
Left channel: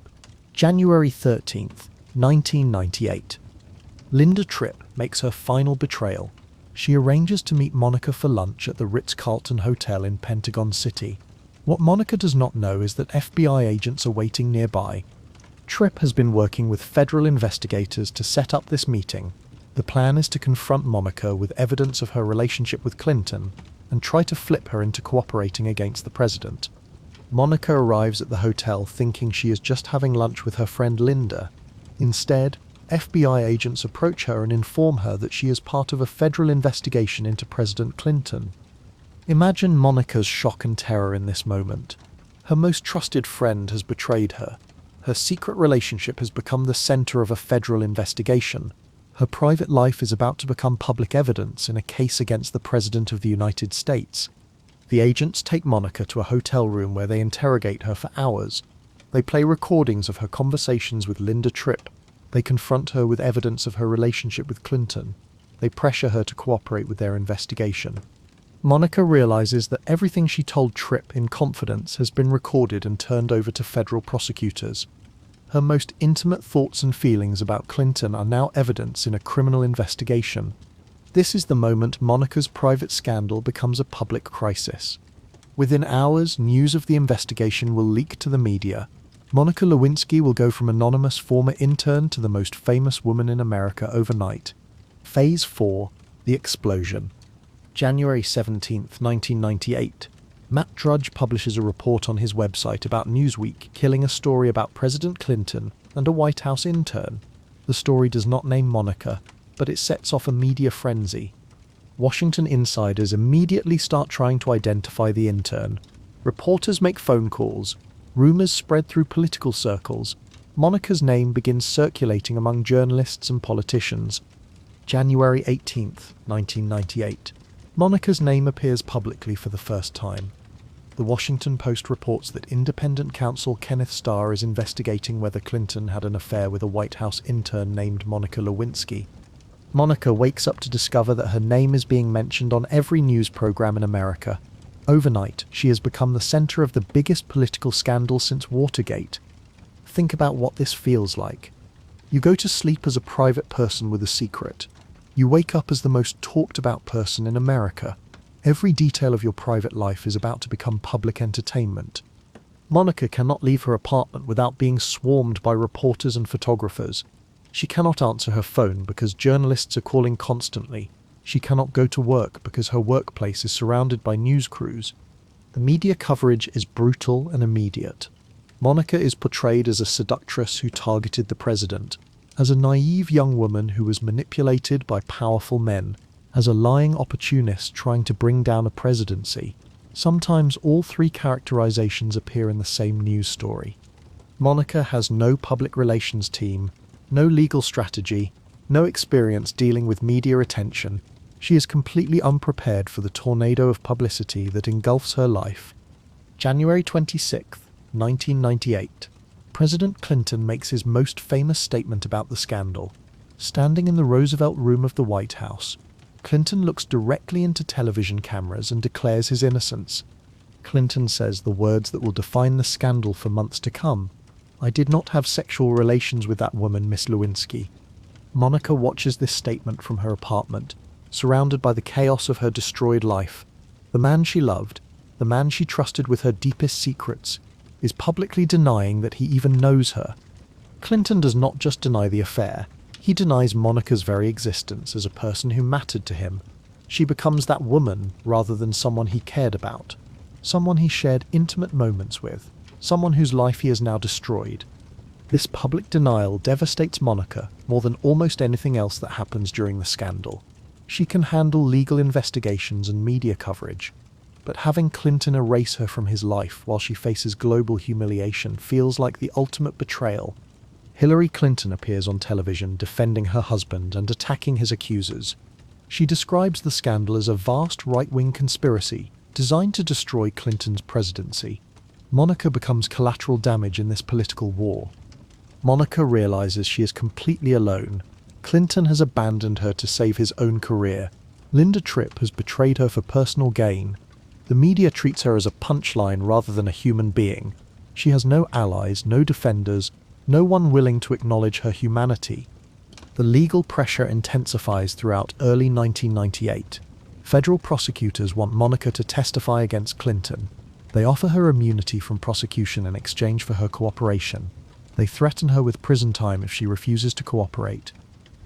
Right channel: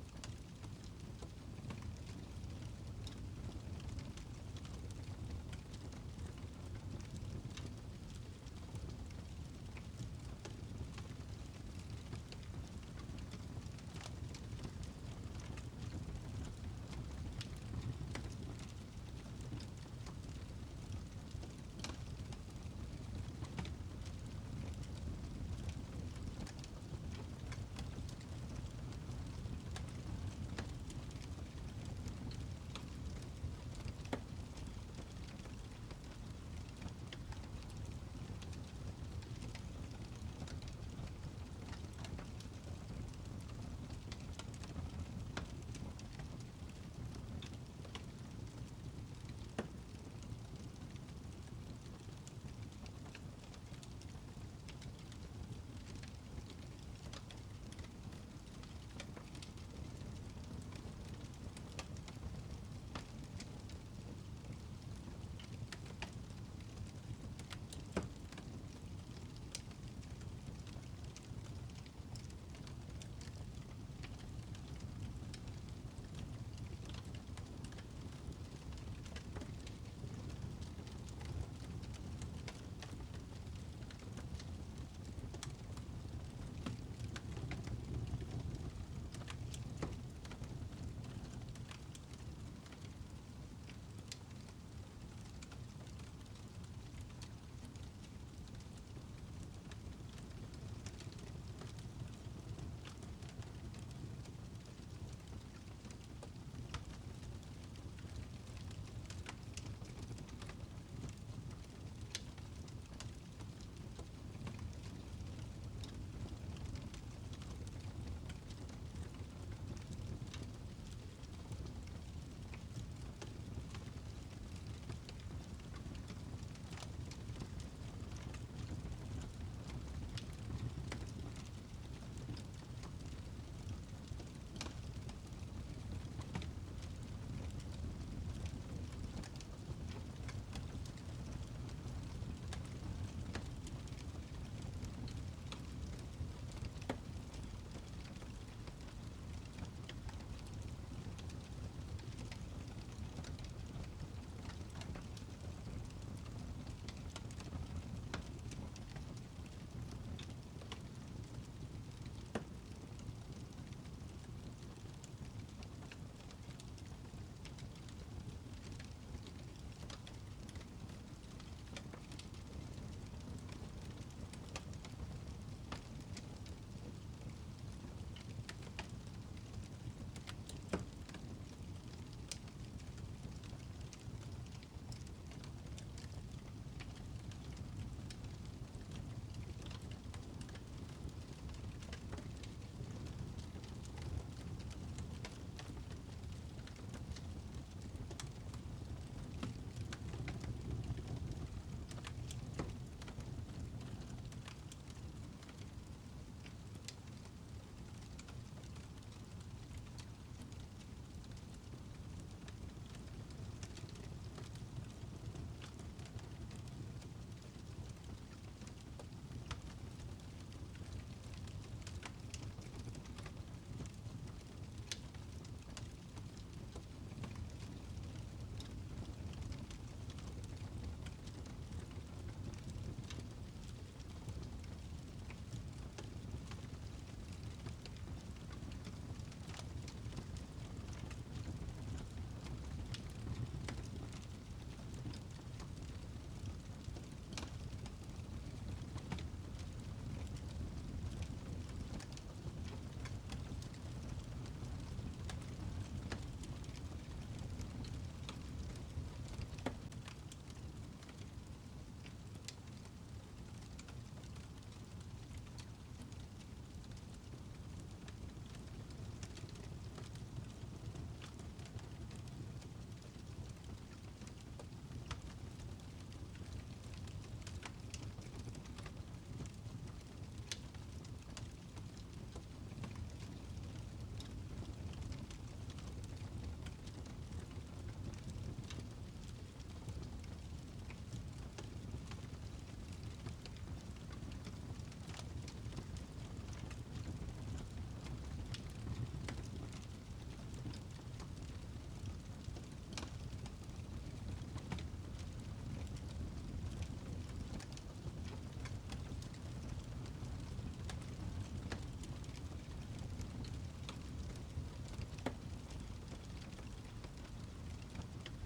January 13th, 1998. Linda Tripp makes her final betrayal. She arranges to meet Monica for lunch at the Ritz-Carlton Hotel in Pentagon City. What Monica does not know is that FBI agents are waiting nearby. Tripp has been working with federal investigators to set up this meeting. The plan is to confront Monica with evidence of her relationship with Clinton and try to flip her into cooperating against the president. Monica arrives at the hotel thinking she is just having lunch with her friend Linda. Instead, FBI agents approach her and inform her that she is part of a federal investigation into President Clinton. Imagine Monica's shock and terror in this moment. Her most trusted friend has betrayed her. Her secret relationship has become the center of a federal investigation. Her private life is about to become public evidence in a case against the President of the United States. The agents take Monica to a hotel room where they interrogate her for hours. They play recordings of her conversations with Linda Tripp. They confront her with evidence of her relationship with Clinton. They pressure her to cooperate with their investigation. Monica realizes that everything she told Tripp in confidence has been recorded and turned over to federal prosecutors. Her most intimate thoughts and feelings about Clinton are now evidence in a criminal investigation. This is the moment Monica's private scandal becomes a public crisis. Within hours, news of the investigation will leak to the media. Monica Lewinsky will go from anonymous former intern to the most famous woman in America overnight. Phase 4, The Explosion. January 17, 1998. Matt Drudge publishes a report on his website about Newsweek killing a story about President Clinton and a White House intern. The story does not name Monica, but it sets off a media frenzy. Washington insiders immediately start trying to identify the intern. Reporters make phone calls. Rumors spread through political circles. Monica's name begins circulating among journalists and politicians. January 18, 1998. Monica's name appears publicly for the first time. The Washington Post reports that independent counsel Kenneth Starr is investigating whether Clinton had an affair with a White House intern named Monica Lewinsky. Monica wakes up to discover that her name is being mentioned on every news program in America. Overnight, she has become the center of the biggest political scandal since Watergate. Think about what this feels like. You go to sleep as a private person with a secret. You wake up as the most talked about person in America. Every detail of your private life is about to become public entertainment. Monica cannot leave her apartment without being swarmed by reporters and photographers. She cannot answer her phone because journalists are calling constantly. She cannot go to work because her workplace is surrounded by news crews. The media coverage is brutal and immediate. Monica is portrayed as a seductress who targeted the president, as a naive young woman who was manipulated by powerful men, as a lying opportunist trying to bring down a presidency. Sometimes all three characterizations appear in the same news story. Monica has no public relations team, no legal strategy, no experience dealing with media attention. She is completely unprepared for the tornado of publicity that engulfs her life. January 26, 1998. President Clinton makes his most famous statement about the scandal. Standing in the Roosevelt Room of the White House, Clinton looks directly into television cameras and declares his innocence. Clinton says the words that will define the scandal for months to come. "I did not have sexual relations with that woman, Miss Lewinsky." Monica watches this statement from her apartment, surrounded by the chaos of her destroyed life. The man she loved, the man she trusted with her deepest secrets, is publicly denying that he even knows her. Clinton does not just deny the affair, he denies Monica's very existence as a person who mattered to him. She becomes that woman rather than someone he cared about, someone he shared intimate moments with, someone whose life he has now destroyed. This public denial devastates Monica more than almost anything else that happens during the scandal. She can handle legal investigations and media coverage, but having Clinton erase her from his life while she faces global humiliation feels like the ultimate betrayal. Hillary Clinton appears on television defending her husband and attacking his accusers. She describes the scandal as a vast right-wing conspiracy designed to destroy Clinton's presidency. Monica becomes collateral damage in this political war. Monica realizes she is completely alone. Clinton has abandoned her to save his own career. Linda Tripp has betrayed her for personal gain. The media treats her as a punchline rather than a human being. She has no allies, no defenders, no one willing to acknowledge her humanity. The legal pressure intensifies throughout early 1998. Federal prosecutors want Monica to testify against Clinton. They offer her immunity from prosecution in exchange for her cooperation. They threaten her with prison time if she refuses to cooperate.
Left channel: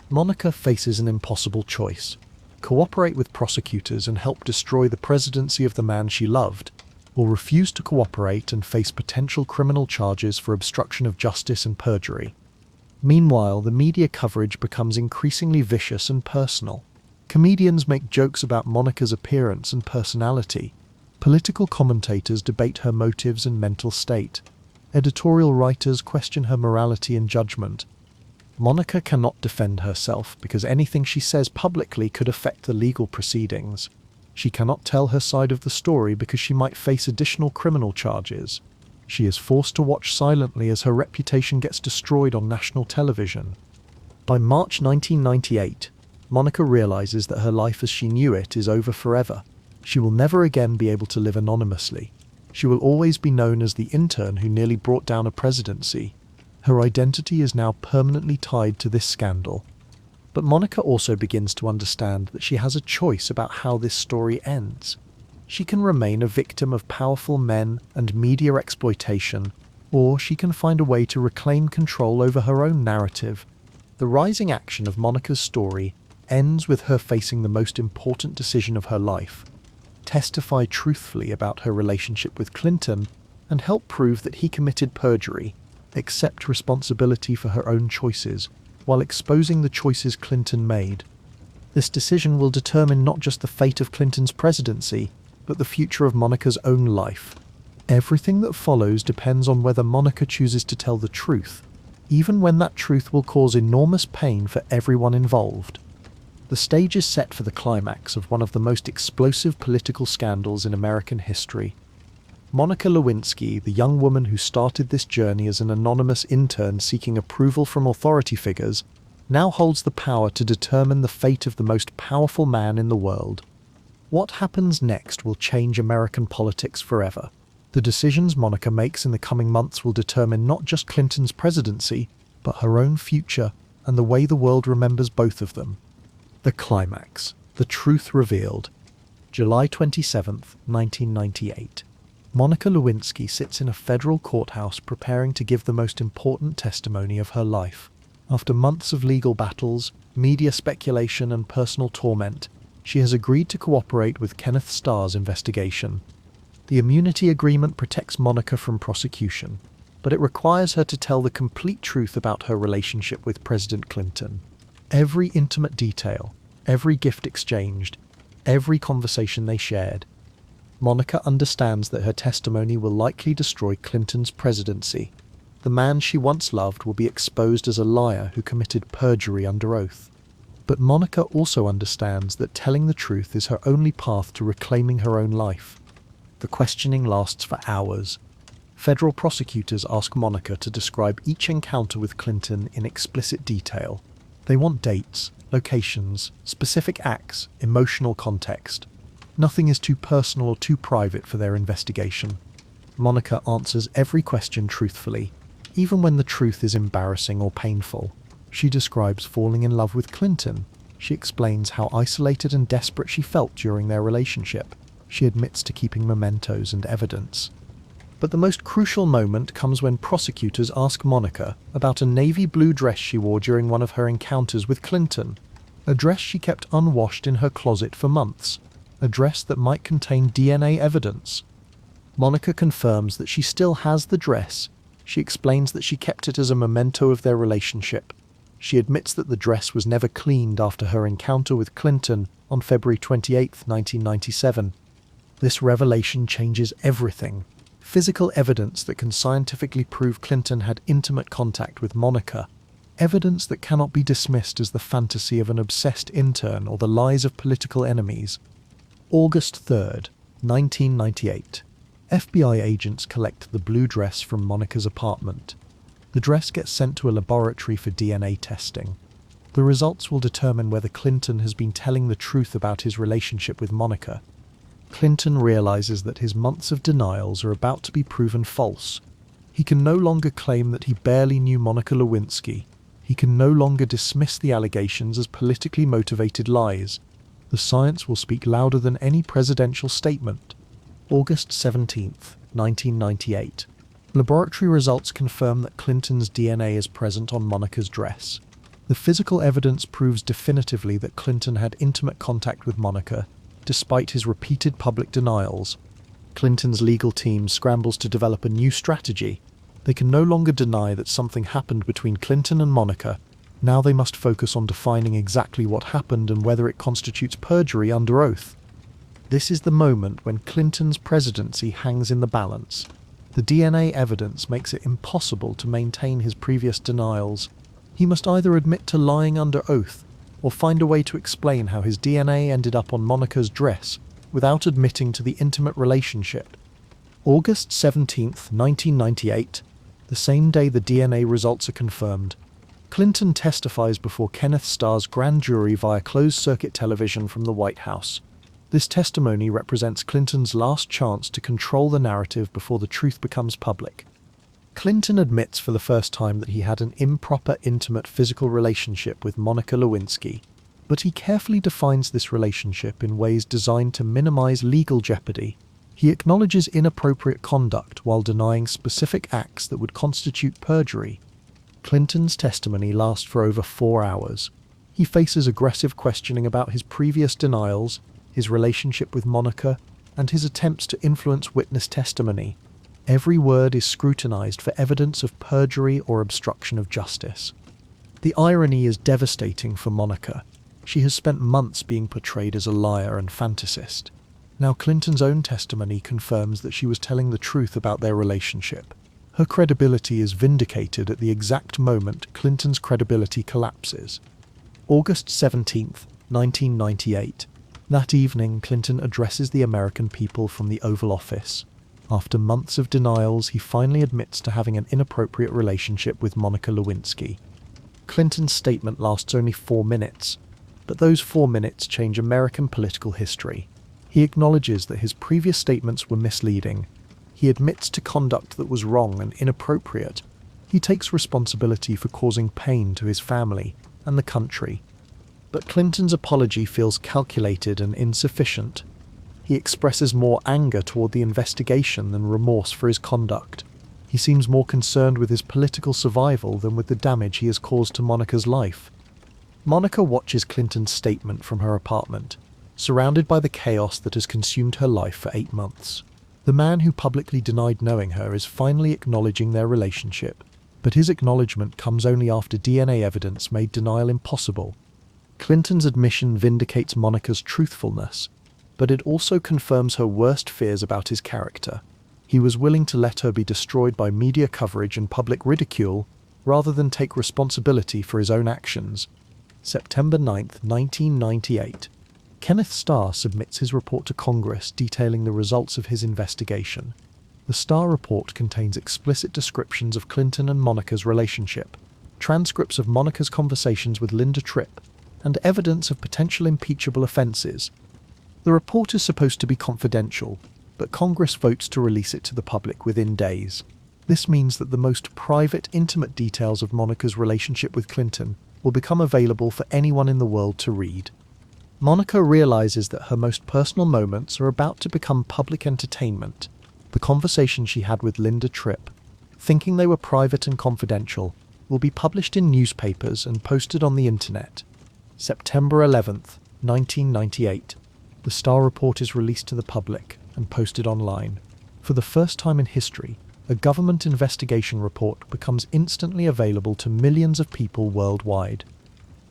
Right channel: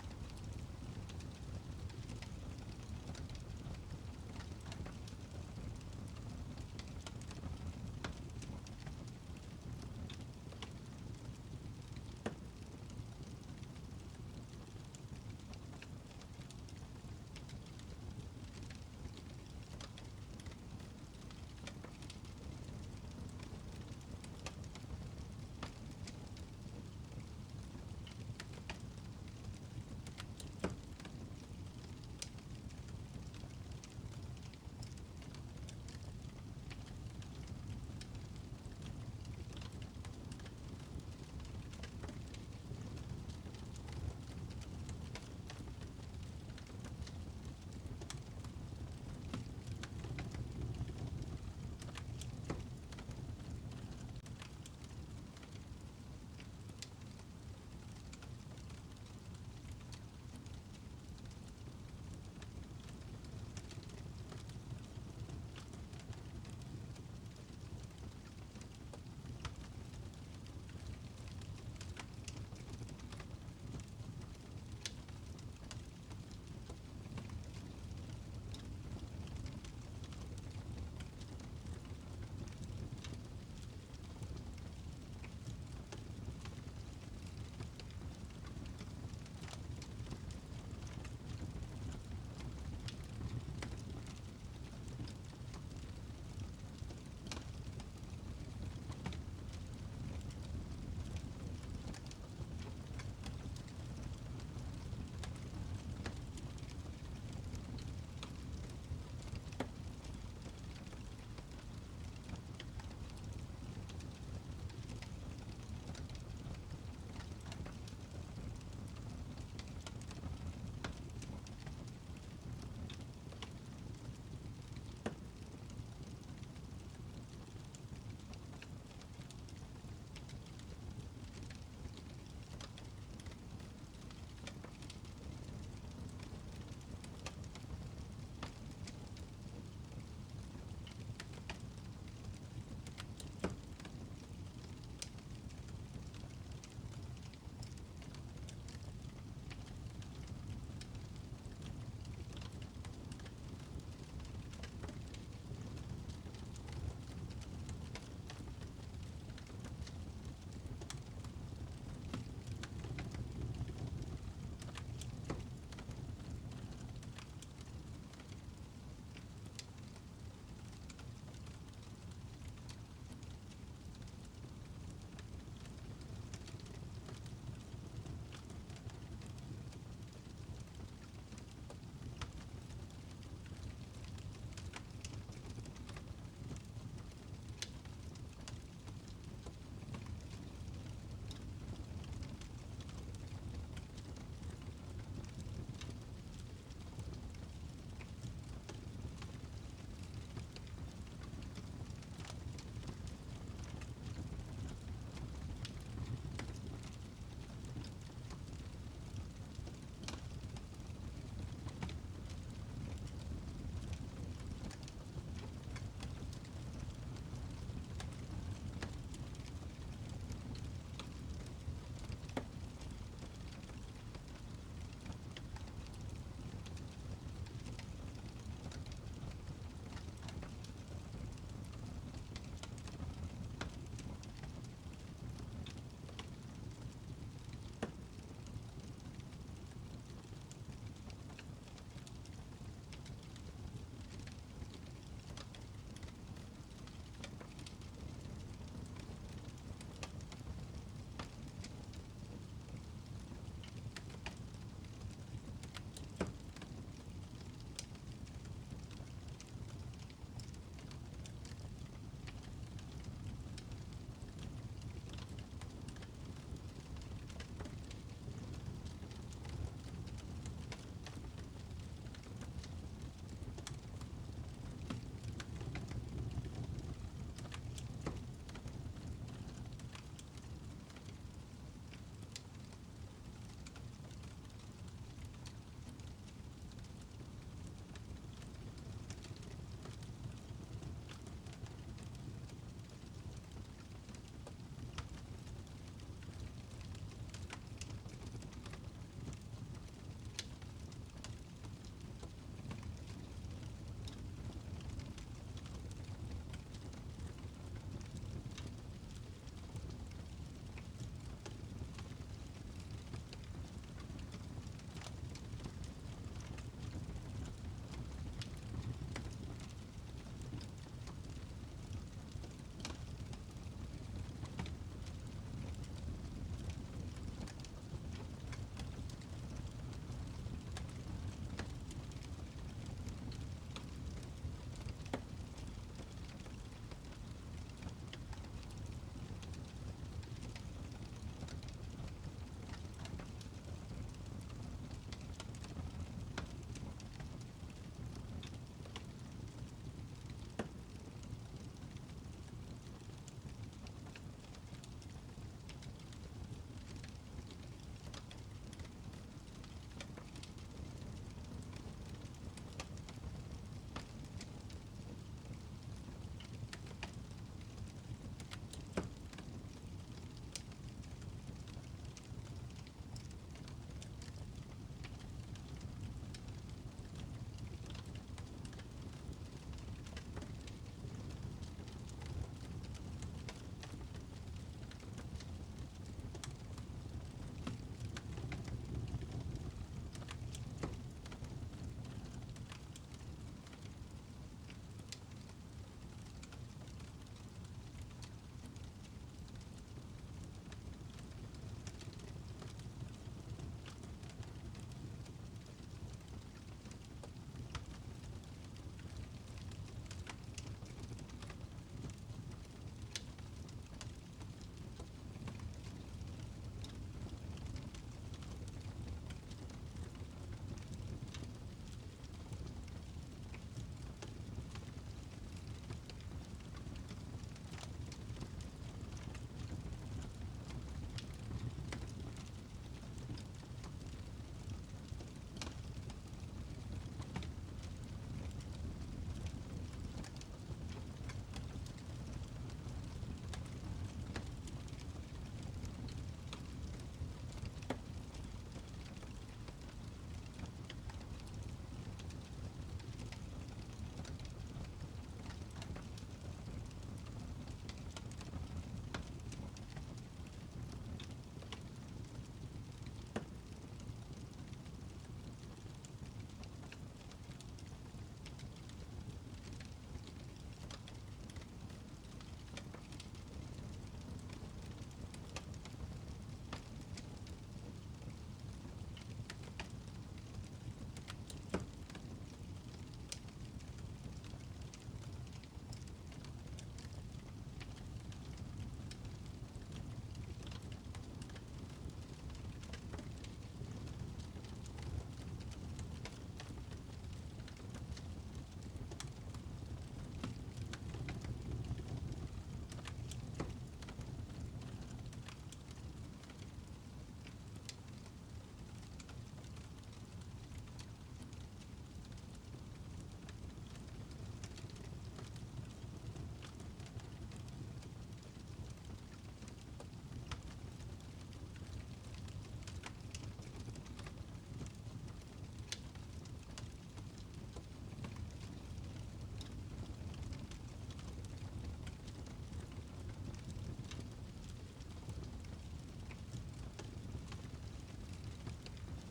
Monica faces an impossible choice: cooperate with prosecutors and help destroy the presidency of the man she loved, or refuse to cooperate and face potential criminal charges for obstruction of justice and perjury. Meanwhile, the media coverage becomes increasingly vicious and personal. Comedians make jokes about Monica's appearance and personality. Political commentators debate her motives and mental state. Editorial writers question her morality and judgment. Monica cannot defend herself because anything she says publicly could affect the legal proceedings. She cannot tell her side of the story because she might face additional criminal charges. She is forced to watch silently as her reputation gets destroyed on national television. By March 1998, Monica realizes that her life as she knew it is over forever. She will never again be able to live anonymously. She will always be known as the intern who nearly brought down a presidency. Her identity is now permanently tied to this scandal. But Monica also begins to understand that she has a choice about how this story ends. She can remain a victim of powerful men and media exploitation, or she can find a way to reclaim control over her own narrative. The rising action of Monica's story ends with her facing the most important decision of her life: testify truthfully about her relationship with Clinton and help prove that he committed perjury, accept responsibility for her own choices, while exposing the choices Clinton made. This decision will determine not just the fate of Clinton's presidency, but the future of Monica's own life. Everything that follows depends on whether Monica chooses to tell the truth, even when that truth will cause enormous pain for everyone involved. The stage is set for the climax of one of the most explosive political scandals in American history. Monica Lewinsky, the young woman who started this journey as an anonymous intern seeking approval from authority figures, now holds the power to determine the fate of the most powerful man in the world. What happens next will change American politics forever. The decisions Monica makes in the coming months will determine not just Clinton's presidency, but her own future and the way the world remembers both of them. The climax. The truth revealed. July 27th, 1998. Monica Lewinsky sits in a federal courthouse preparing to give the most important testimony of her life. After months of legal battles, media speculation and personal torment, she has agreed to cooperate with Kenneth Starr's investigation. The immunity agreement protects Monica from prosecution, but it requires her to tell the complete truth about her relationship with President Clinton. Every intimate detail, every gift exchanged, every conversation they shared. Monica understands that her testimony will likely destroy Clinton's presidency. The man she once loved will be exposed as a liar who committed perjury under oath. But Monica also understands that telling the truth is her only path to reclaiming her own life. The questioning lasts for hours. Federal prosecutors ask Monica to describe each encounter with Clinton in explicit detail. They want dates, locations, specific acts, emotional context. Nothing is too personal or too private for their investigation. Monica answers every question truthfully, even when the truth is embarrassing or painful. She describes falling in love with Clinton. She explains how isolated and desperate she felt during their relationship. She admits to keeping mementos and evidence. But the most crucial moment comes when prosecutors ask Monica about a navy blue dress she wore during one of her encounters with Clinton. A dress she kept unwashed in her closet for months. A dress that might contain DNA evidence. Monica confirms that she still has the dress. She explains that she kept it as a memento of their relationship. She admits that the dress was never cleaned after her encounter with Clinton on February 28, 1997. This revelation changes everything. Physical evidence that can scientifically prove Clinton had intimate contact with Monica. Evidence that cannot be dismissed as the fantasy of an obsessed intern or the lies of political enemies. August 3rd, 1998. FBI agents collect the blue dress from Monica's apartment. The dress gets sent to a laboratory for DNA testing. The results will determine whether Clinton has been telling the truth about his relationship with Monica. Clinton realizes that his months of denials are about to be proven false. He can no longer claim that he barely knew Monica Lewinsky. He can no longer dismiss the allegations as politically motivated lies. The science will speak louder than any presidential statement. August 17th, 1998. Laboratory results confirm that Clinton's DNA is present on Monica's dress. The physical evidence proves definitively that Clinton had intimate contact with Monica, despite his repeated public denials. Clinton's legal team scrambles to develop a new strategy. They can no longer deny that something happened between Clinton and Monica. Now they must focus on defining exactly what happened and whether it constitutes perjury under oath. This is the moment when Clinton's presidency hangs in the balance. The DNA evidence makes it impossible to maintain his previous denials. He must either admit to lying under oath or find a way to explain how his DNA ended up on Monica's dress without admitting to the intimate relationship. August 17th, 1998, the same day the DNA results are confirmed, Clinton testifies before Kenneth Starr's grand jury via closed-circuit television from the White House. This testimony represents Clinton's last chance to control the narrative before the truth becomes public. Clinton admits for the first time that he had an improper, intimate physical relationship with Monica Lewinsky, but he carefully defines this relationship in ways designed to minimize legal jeopardy. He acknowledges inappropriate conduct while denying specific acts that would constitute perjury. Clinton's testimony lasts for over 4 hours. He faces aggressive questioning about his previous denials, his relationship with Monica, and his attempts to influence witness testimony. Every word is scrutinized for evidence of perjury or obstruction of justice. The irony is devastating for Monica. She has spent months being portrayed as a liar and fantasist. Now Clinton's own testimony confirms that she was telling the truth about their relationship. Her credibility is vindicated at the exact moment Clinton's credibility collapses. August 17th, 1998. That evening, Clinton addresses the American people from the Oval Office. After months of denials, he finally admits to having an inappropriate relationship with Monica Lewinsky. Clinton's statement lasts only 4 minutes, but those 4 minutes change American political history. He acknowledges that his previous statements were misleading. He admits to conduct that was wrong and inappropriate. He takes responsibility for causing pain to his family and the country. But Clinton's apology feels calculated and insufficient. He expresses more anger toward the investigation than remorse for his conduct. He seems more concerned with his political survival than with the damage he has caused to Monica's life. Monica watches Clinton's statement from her apartment, surrounded by the chaos that has consumed her life for 8 months. The man who publicly denied knowing her is finally acknowledging their relationship, but his acknowledgement comes only after DNA evidence made denial impossible. Clinton's admission vindicates Monica's truthfulness, but it also confirms her worst fears about his character. He was willing to let her be destroyed by media coverage and public ridicule, rather than take responsibility for his own actions. September 9th, 1998. Kenneth Starr submits his report to Congress detailing the results of his investigation. The Starr report contains explicit descriptions of Clinton and Monica's relationship, transcripts of Monica's conversations with Linda Tripp, and evidence of potential impeachable offences. The report is supposed to be confidential, but Congress votes to release it to the public within days. This means that the most private, intimate details of Monica's relationship with Clinton will become available for anyone in the world to read. Monica realizes that her most personal moments are about to become public entertainment. The conversation she had with Linda Tripp, thinking they were private and confidential, will be published in newspapers and posted on the internet. September 11th, 1998. The Starr report is released to the public and posted online. For the first time in history, a government investigation report becomes instantly available to millions of people worldwide.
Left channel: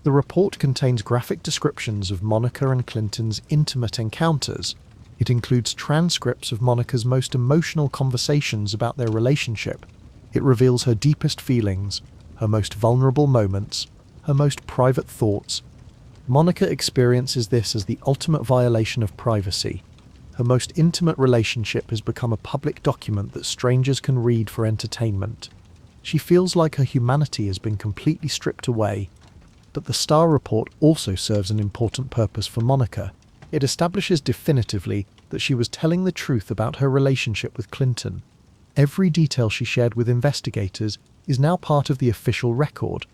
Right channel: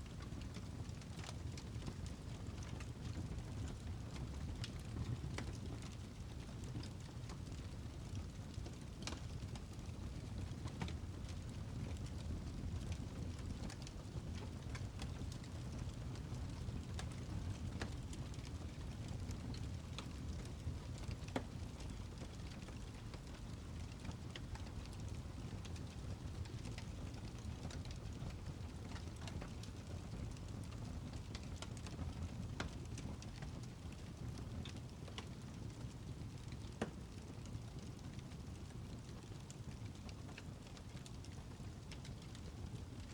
The report contains graphic descriptions of Monica and Clinton's intimate encounters. It includes transcripts of Monica's most emotional conversations about their relationship. It reveals her deepest feelings, her most vulnerable moments, her most private thoughts. Monica experiences this as the ultimate violation of privacy. Her most intimate relationship has become a public document that strangers can read for entertainment. She feels like her humanity has been completely stripped away. But the Starr report also serves an important purpose for Monica. It establishes definitively that she was telling the truth about her relationship with Clinton. Every detail she shared with investigators is now part of the official record.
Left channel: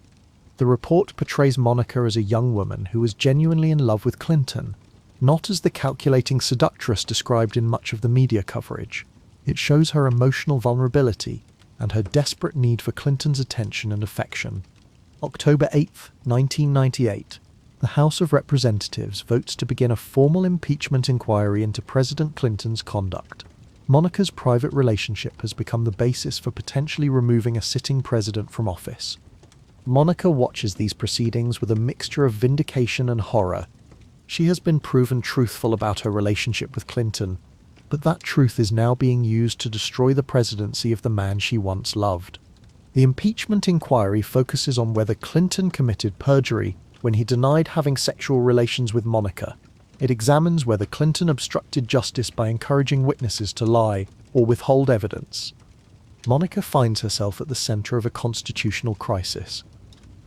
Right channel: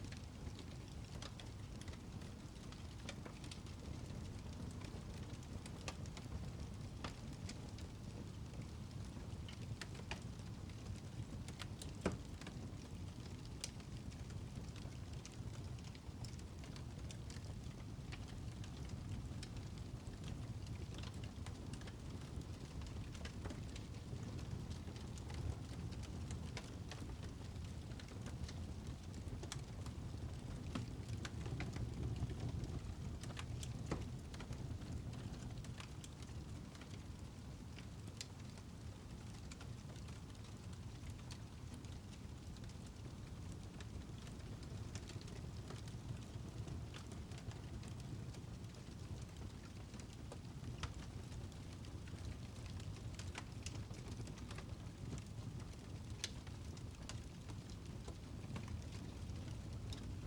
The report portrays Monica as a young woman who was genuinely in love with Clinton, not as the calculating seductress described in much of the media coverage. It shows her emotional vulnerability and her desperate need for Clinton's attention and affection. October 8th, 1998. The House of Representatives votes to begin a formal impeachment inquiry into President Clinton's conduct. Monica's private relationship has become the basis for potentially removing a sitting president from office. Monica watches these proceedings with a mixture of vindication and horror. She has been proven truthful about her relationship with Clinton, but that truth is now being used to destroy the presidency of the man she once loved. The impeachment inquiry focuses on whether Clinton committed perjury when he denied having sexual relations with Monica. It examines whether Clinton obstructed justice by encouraging witnesses to lie or withhold evidence. Monica finds herself at the center of a constitutional crisis.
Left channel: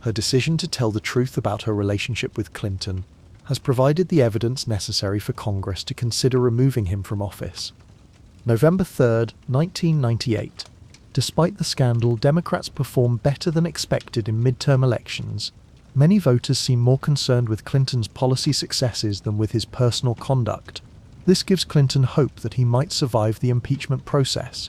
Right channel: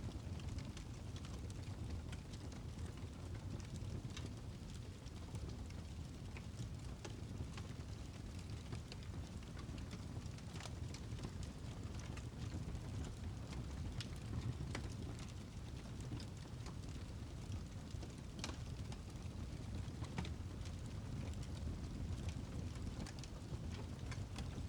Her decision to tell the truth about her relationship with Clinton has provided the evidence necessary for Congress to consider removing him from office. November 3, 1998. Despite the scandal, Democrats performed better than expected in midterm elections. Many voters seem more concerned with Clinton's policy successes than with his personal conduct. This gives Clinton hope that he might survive the impeachment process.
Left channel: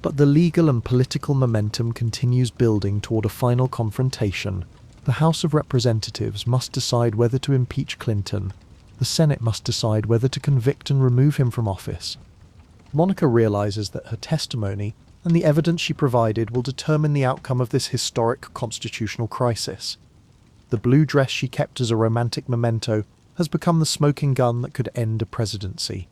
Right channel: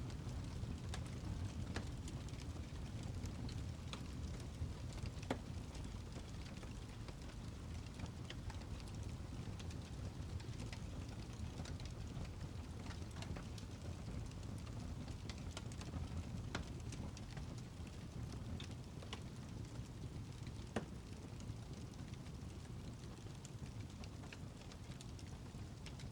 But the legal and political momentum continues building toward a final confrontation. The House of Representatives must decide whether to impeach Clinton. The Senate must decide whether to convict and remove him from office. Monica realizes that her testimony and the evidence she provided will determine the outcome of this historic constitutional crisis. The blue dress she kept as a romantic memento has become the smoking gun that could end a presidency.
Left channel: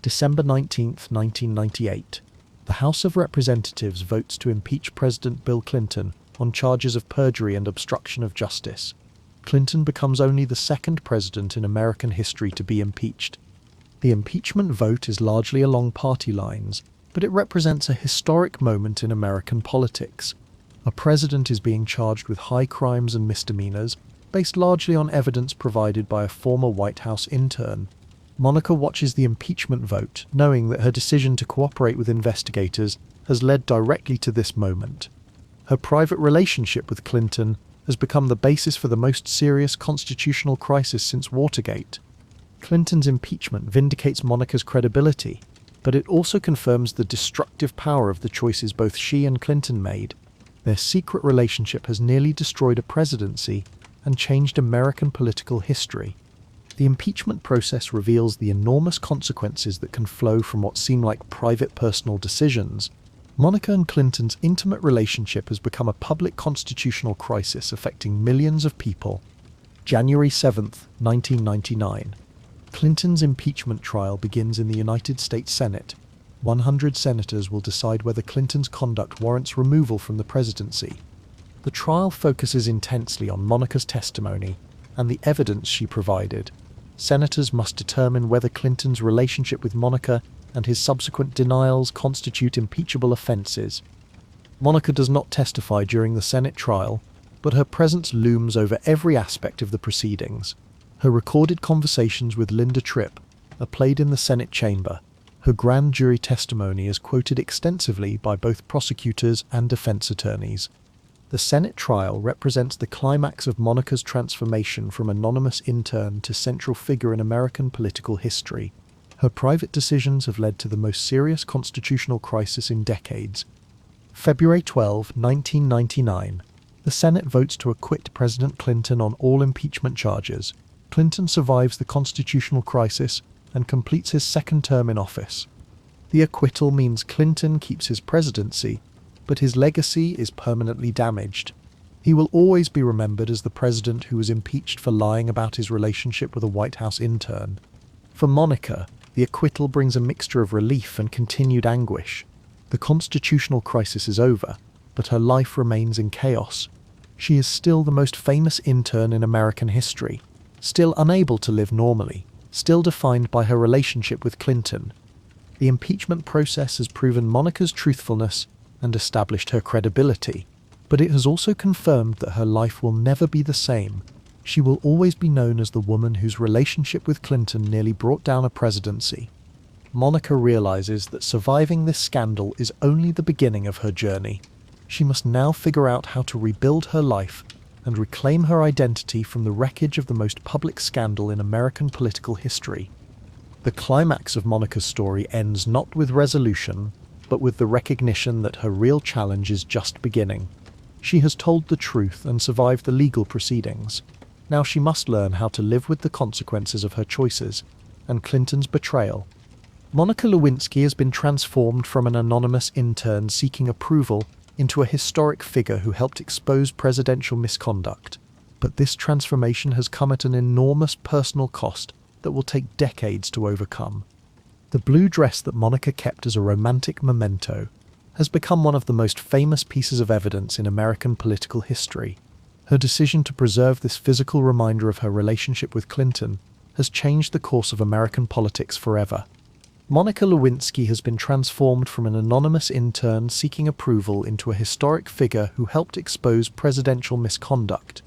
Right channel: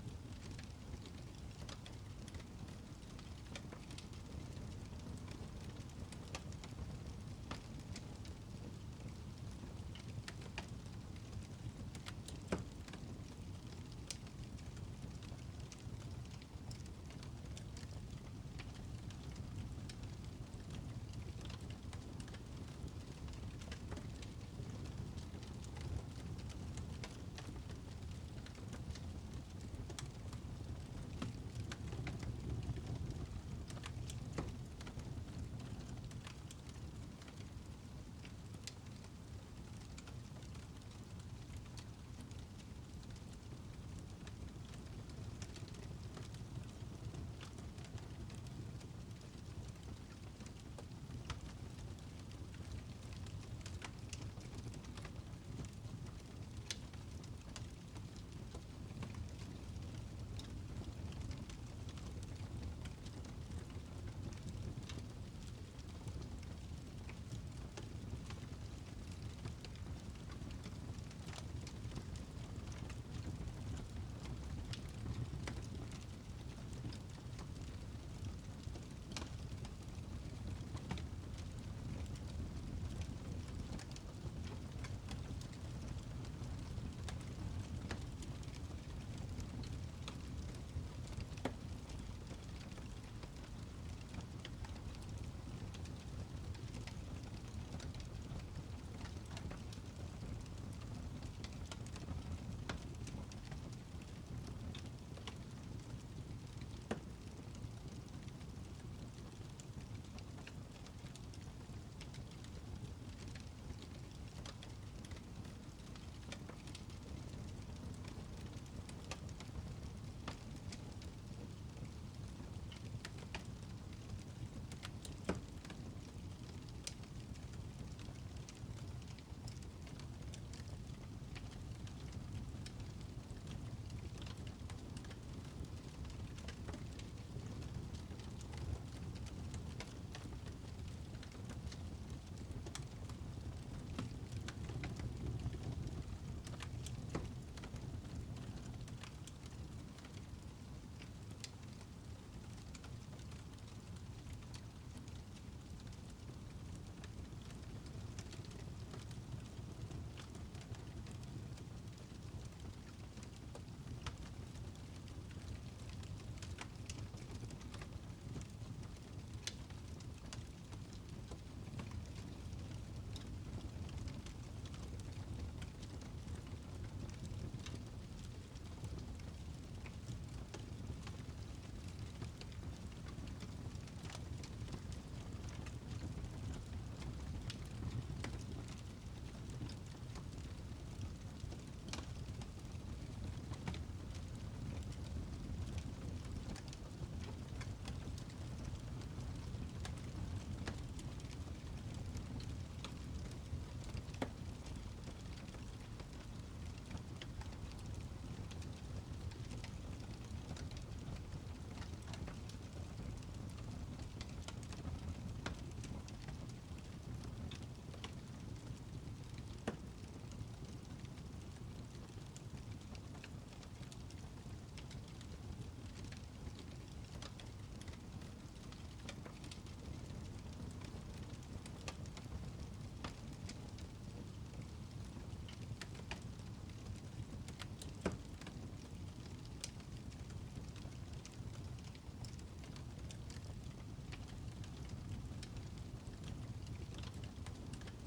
December 19, 1998. The House of Representatives votes to impeach President Bill Clinton on charges of perjury and obstruction of justice. Clinton becomes only the second president in American history to be impeached. The impeachment vote is largely along party lines, but it represents a historic moment in American politics. A president is being charged with high crimes and misdemeanors, based largely on evidence provided by a former White House intern. Monica watches the impeachment vote, knowing that her decision to cooperate with investigators has led directly to this moment. Her private relationship with Clinton has become the basis for the most serious constitutional crisis since Watergate. Clinton's impeachment vindicates Monica's credibility, but it also confirms the destructive power of the choices both she and Clinton made. Their secret relationship has nearly destroyed a presidency and changed American political history. The impeachment process reveals the enormous consequences that can flow from what seem like private personal decisions. Monica and Clinton's intimate relationship has become a public constitutional crisis affecting millions of people. January 7, 1999. Clinton's impeachment trial begins in the United States Senate. 100 senators will decide whether Clinton's conduct warrants removal from the presidency. The trial focuses intensely on Monica's testimony and the evidence she provided. Senators must determine whether Clinton's relationship with Monica and his subsequent denials constitute impeachable offences. Monica does not testify during the Senate trial, but her presence looms over every aspect of the proceedings. Her recorded conversations with Linda Tripp are played in the Senate chamber. Her grand jury testimony is quoted extensively by both prosecutors and defense attorneys. The Senate trial represents the climax of Monica's transformation from anonymous intern to central figure in American political history. Her private decisions have led to the most serious constitutional crisis in decades. February 12, 1999. The Senate votes to acquit President Clinton on all impeachment charges. Clinton survives the constitutional crisis and completes his second term in office. The acquittal means Clinton keeps his presidency, but his legacy is permanently damaged. He will always be remembered as the president who was impeached for lying about his relationship with a White House intern. For Monica, the acquittal brings a mixture of relief and continued anguish. The constitutional crisis is over, but her life remains in chaos. She is still the most famous intern in American history, still unable to live normally, still defined by her relationship with Clinton. The impeachment process has proven Monica's truthfulness and established her credibility, but it has also confirmed that her life will never be the same. She will always be known as the woman whose relationship with Clinton nearly brought down a presidency. Monica realizes that surviving this scandal is only the beginning of her journey. She must now figure out how to rebuild her life and reclaim her identity from the wreckage of the most public scandal in American political history. The climax of Monica's story ends not with resolution, but with the recognition that her real challenge is just beginning. She has told the truth and survived the legal proceedings. Now she must learn how to live with the consequences of her choices and Clinton's betrayal. Monica Lewinsky has been transformed from an anonymous intern seeking approval into a historic figure who helped expose presidential misconduct. But this transformation has come at an enormous personal cost that will take decades to overcome. The blue dress that Monica kept as a romantic memento has become one of the most famous pieces of evidence in American political history. Her decision to preserve this physical reminder of her relationship with Clinton has changed the course of American politics forever. Monica Lewinsky has been transformed from an anonymous intern seeking approval into a historic figure who helped expose presidential misconduct.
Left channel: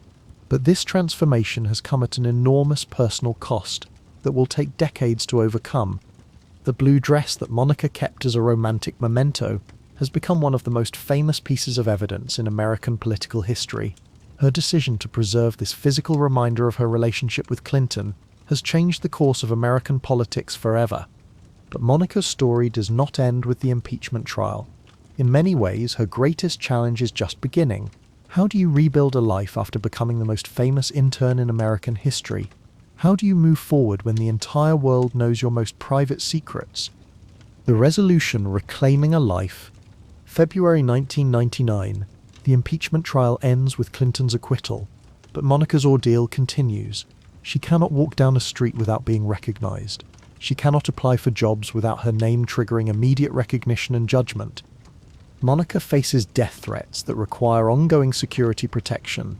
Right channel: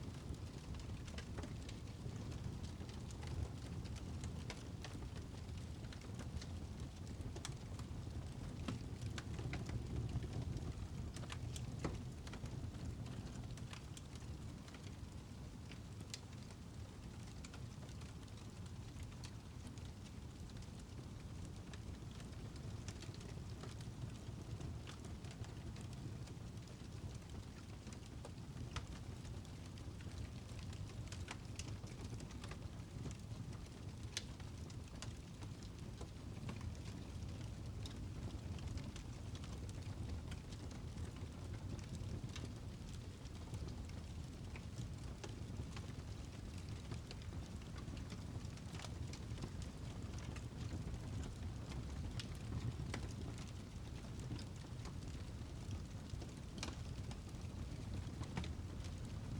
But this transformation has come at an enormous personal cost that will take decades to overcome. The blue dress that Monica kept as a romantic memento has become one of the most famous pieces of evidence in American political history. Her decision to preserve this physical reminder of her relationship with Clinton has changed the course of American politics forever. But Monica's story does not end with the impeachment trial. In many ways, her greatest challenge is just beginning. How do you rebuild a life after becoming the most famous intern in American history? How do you move forward when the entire world knows your most private secrets? The resolution Reclaiming a Life. February 1999. The impeachment trial ends with Clinton's acquittal, but Monica's ordeal continues. She cannot walk down a street without being recognized. She cannot apply for jobs without her name triggering immediate recognition and judgment. Monica faces death threats that require ongoing security protection.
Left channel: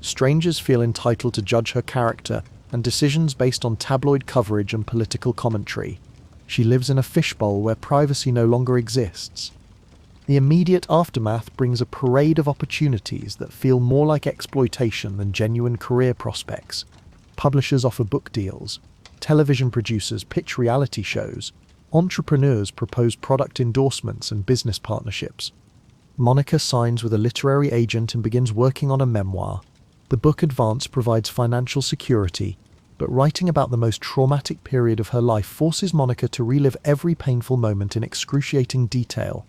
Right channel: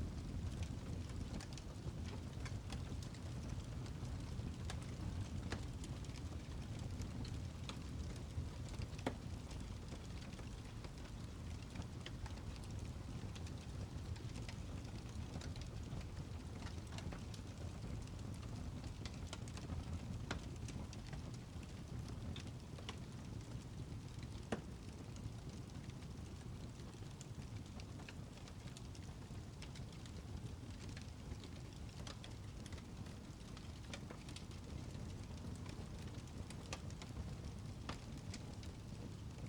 Strangers feel entitled to judge her character and decisions based on tabloid coverage and political commentary. She lives in a fishbowl where privacy no longer exists. The immediate aftermath brings a parade of opportunities that feel more like exploitation than genuine career prospects. Publishers offer book deals. Television producers pitch reality shows. Entrepreneurs propose product endorsements and business partnerships. Monica signs with a literary agent and begins working on a memoir. The book advance provides financial security, but writing about the most traumatic period of her life forces Monica to relive every painful moment in excruciating detail.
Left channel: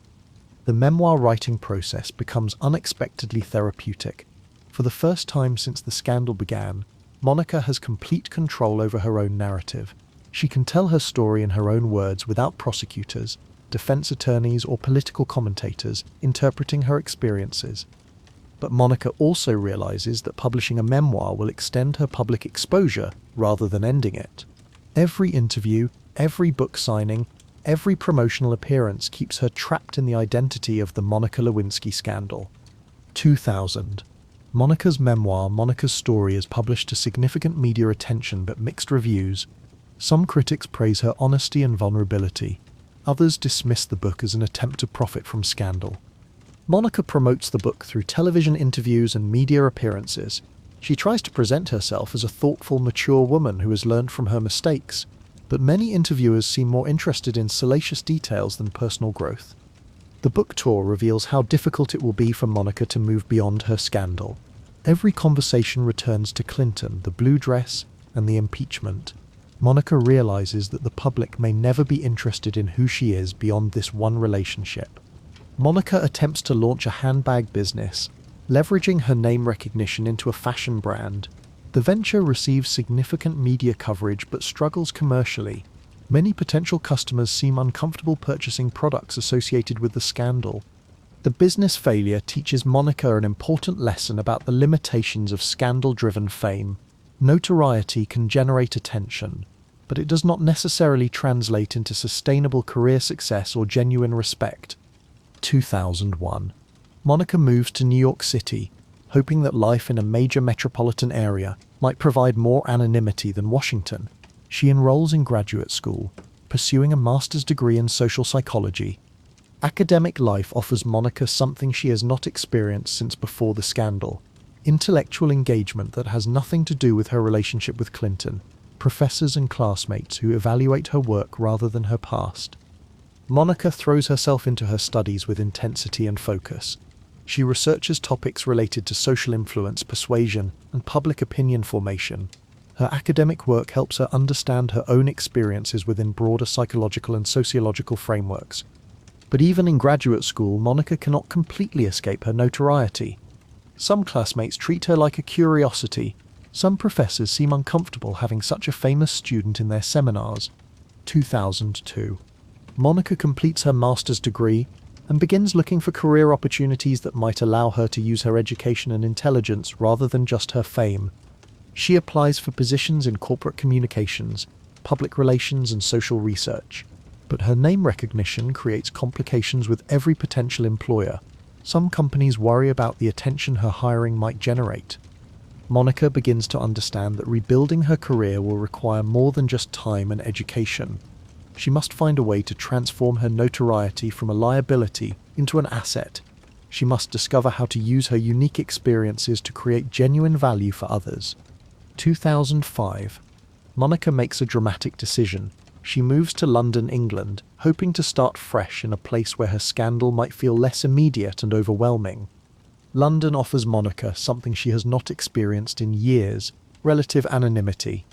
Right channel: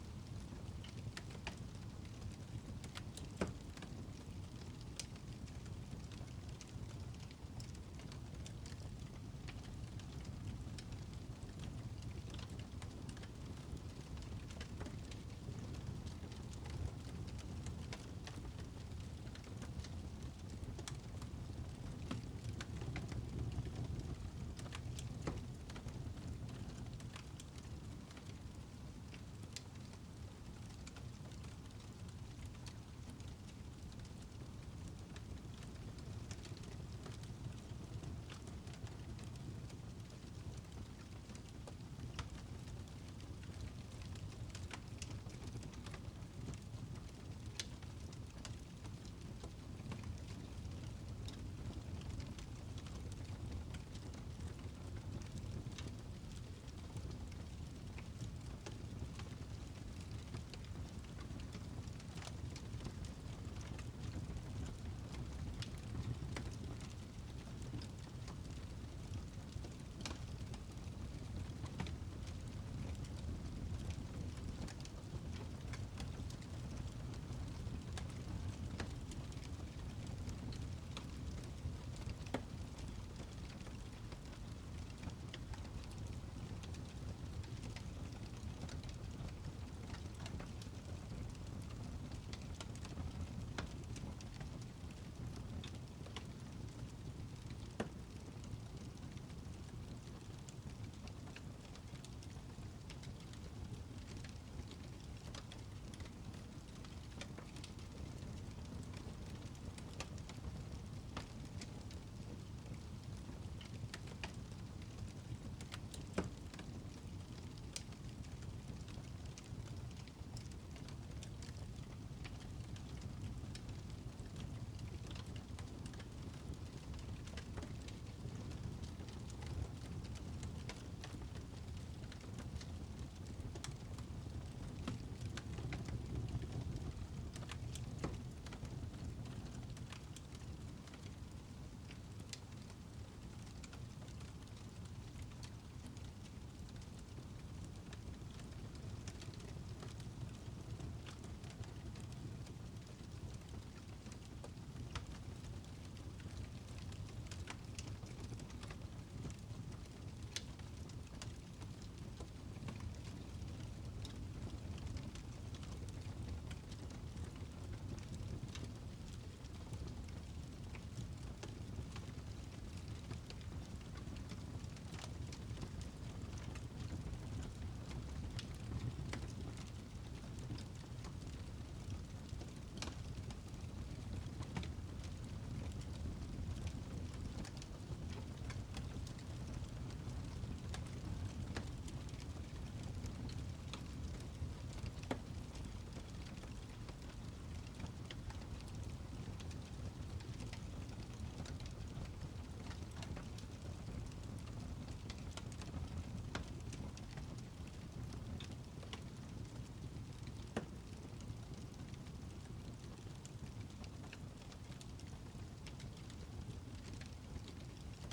The memoir writing process becomes unexpectedly therapeutic. For the first time since the scandal began, Monica has complete control over her own narrative. She can tell her story in her own words without prosecutors, defense attorneys, or political commentators interpreting her experiences. But Monica also realizes that publishing a memoir will extend her public exposure rather than ending it. Every interview, every book signing, every promotional appearance keeps her trapped in the identity of the Monica Lewinsky scandal. 2000. Monica's memoir, Monica's Story, is published to significant media attention but mixed reviews. Some critics praise her honesty and vulnerability. Others dismiss the book as an attempt to profit from scandal. Monica promotes the book through television interviews and media appearances. She tries to present herself as a thoughtful, mature woman who has learned from her mistakes, but many interviewers seem more interested in salacious details than personal growth. The book tour reveals how difficult it will be for Monica to move beyond her scandal. Every conversation returns to Clinton, the blue dress, and the impeachment. Monica realizes that the public may never be interested in who she is beyond this one relationship. Monica attempts to launch a handbag business, leveraging her name recognition into a fashion brand. The venture receives significant media coverage but struggles commercially. Many potential customers seem uncomfortable purchasing products associated with the scandal. The business failure teaches Monica an important lesson about the limitations of scandal-driven fame. Notoriety can generate attention, but it does not necessarily translate into sustainable career success or genuine respect. 2001. Monica moves to New York City, hoping that life in a major metropolitan area might provide more anonymity than Washington. She enrolls in graduate school, pursuing a master's degree in social psychology. Academic life offers Monica something she has not experienced since before the scandal: intellectual engagement that has nothing to do with her relationship with Clinton, professors and classmates who evaluate her work rather than her past. Monica throws herself into her studies with intensity and focus. She researches topics related to social influence, persuasion, and public opinion formation. Her academic work helps her understand her own experiences within broader psychological and sociological frameworks. But even in graduate school, Monica cannot completely escape her notoriety. Some classmates treat her like a curiosity. Some professors seem uncomfortable having such a famous student in their seminars. 2002. Monica completes her master's degree and begins looking for career opportunities that might allow her to use her education and intelligence rather than just her fame. She applies for positions in corporate communications, public relations, and social research. But her name recognition creates complications with every potential employer. Some companies worry about the attention her hiring might generate. Monica begins to understand that rebuilding her career will require more than just time and education. She must find a way to transform her notoriety from a liability into an asset. She must discover how to use her unique experiences to create genuine value for others. 2005. Monica makes a dramatic decision. She moves to London, England, hoping to start fresh in a place where her scandal might feel less immediate and overwhelming. London offers Monica something she has not experienced in years: relative anonymity.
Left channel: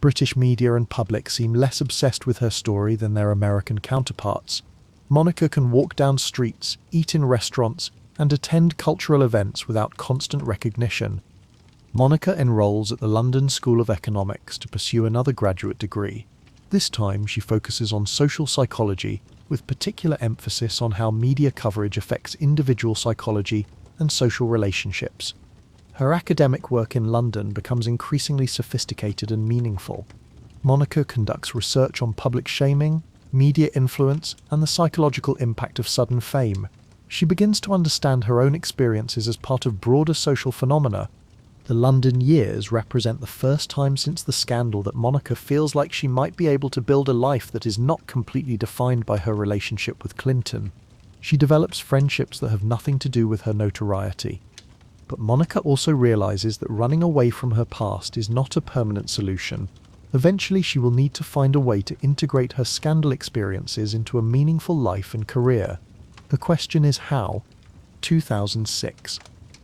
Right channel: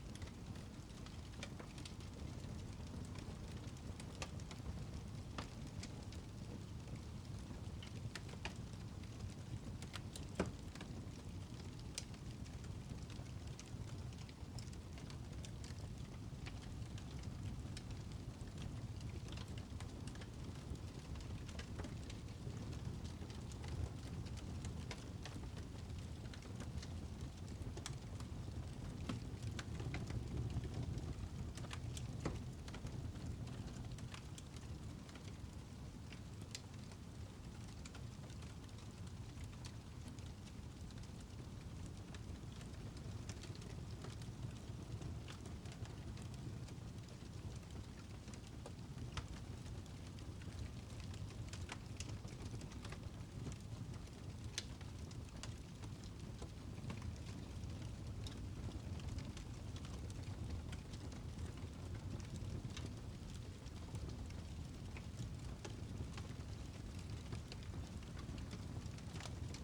British media and public seem less obsessed with her story than their American counterparts. Monica can walk down streets, eat in restaurants, and attend cultural events without constant recognition. Monica enrolls at the London School of Economics to pursue another graduate degree. This time she focuses on social psychology, with particular emphasis on how media coverage affects individual psychology and social relationships. Her academic work in London becomes increasingly sophisticated and meaningful. Monica conducts research on public shaming, media influence, and the psychological impact of sudden fame. She begins to understand her own experiences as part of broader social phenomena. The London years represent the first time since the scandal that Monica feels like she might be able to build a life that is not completely defined by her relationship with Clinton. She develops friendships that have nothing to do with her notoriety. But Monica also realizes that running away from her past is not a permanent solution. Eventually she will need to find a way to integrate her scandal experiences into a meaningful life and career. The question is how? 2006.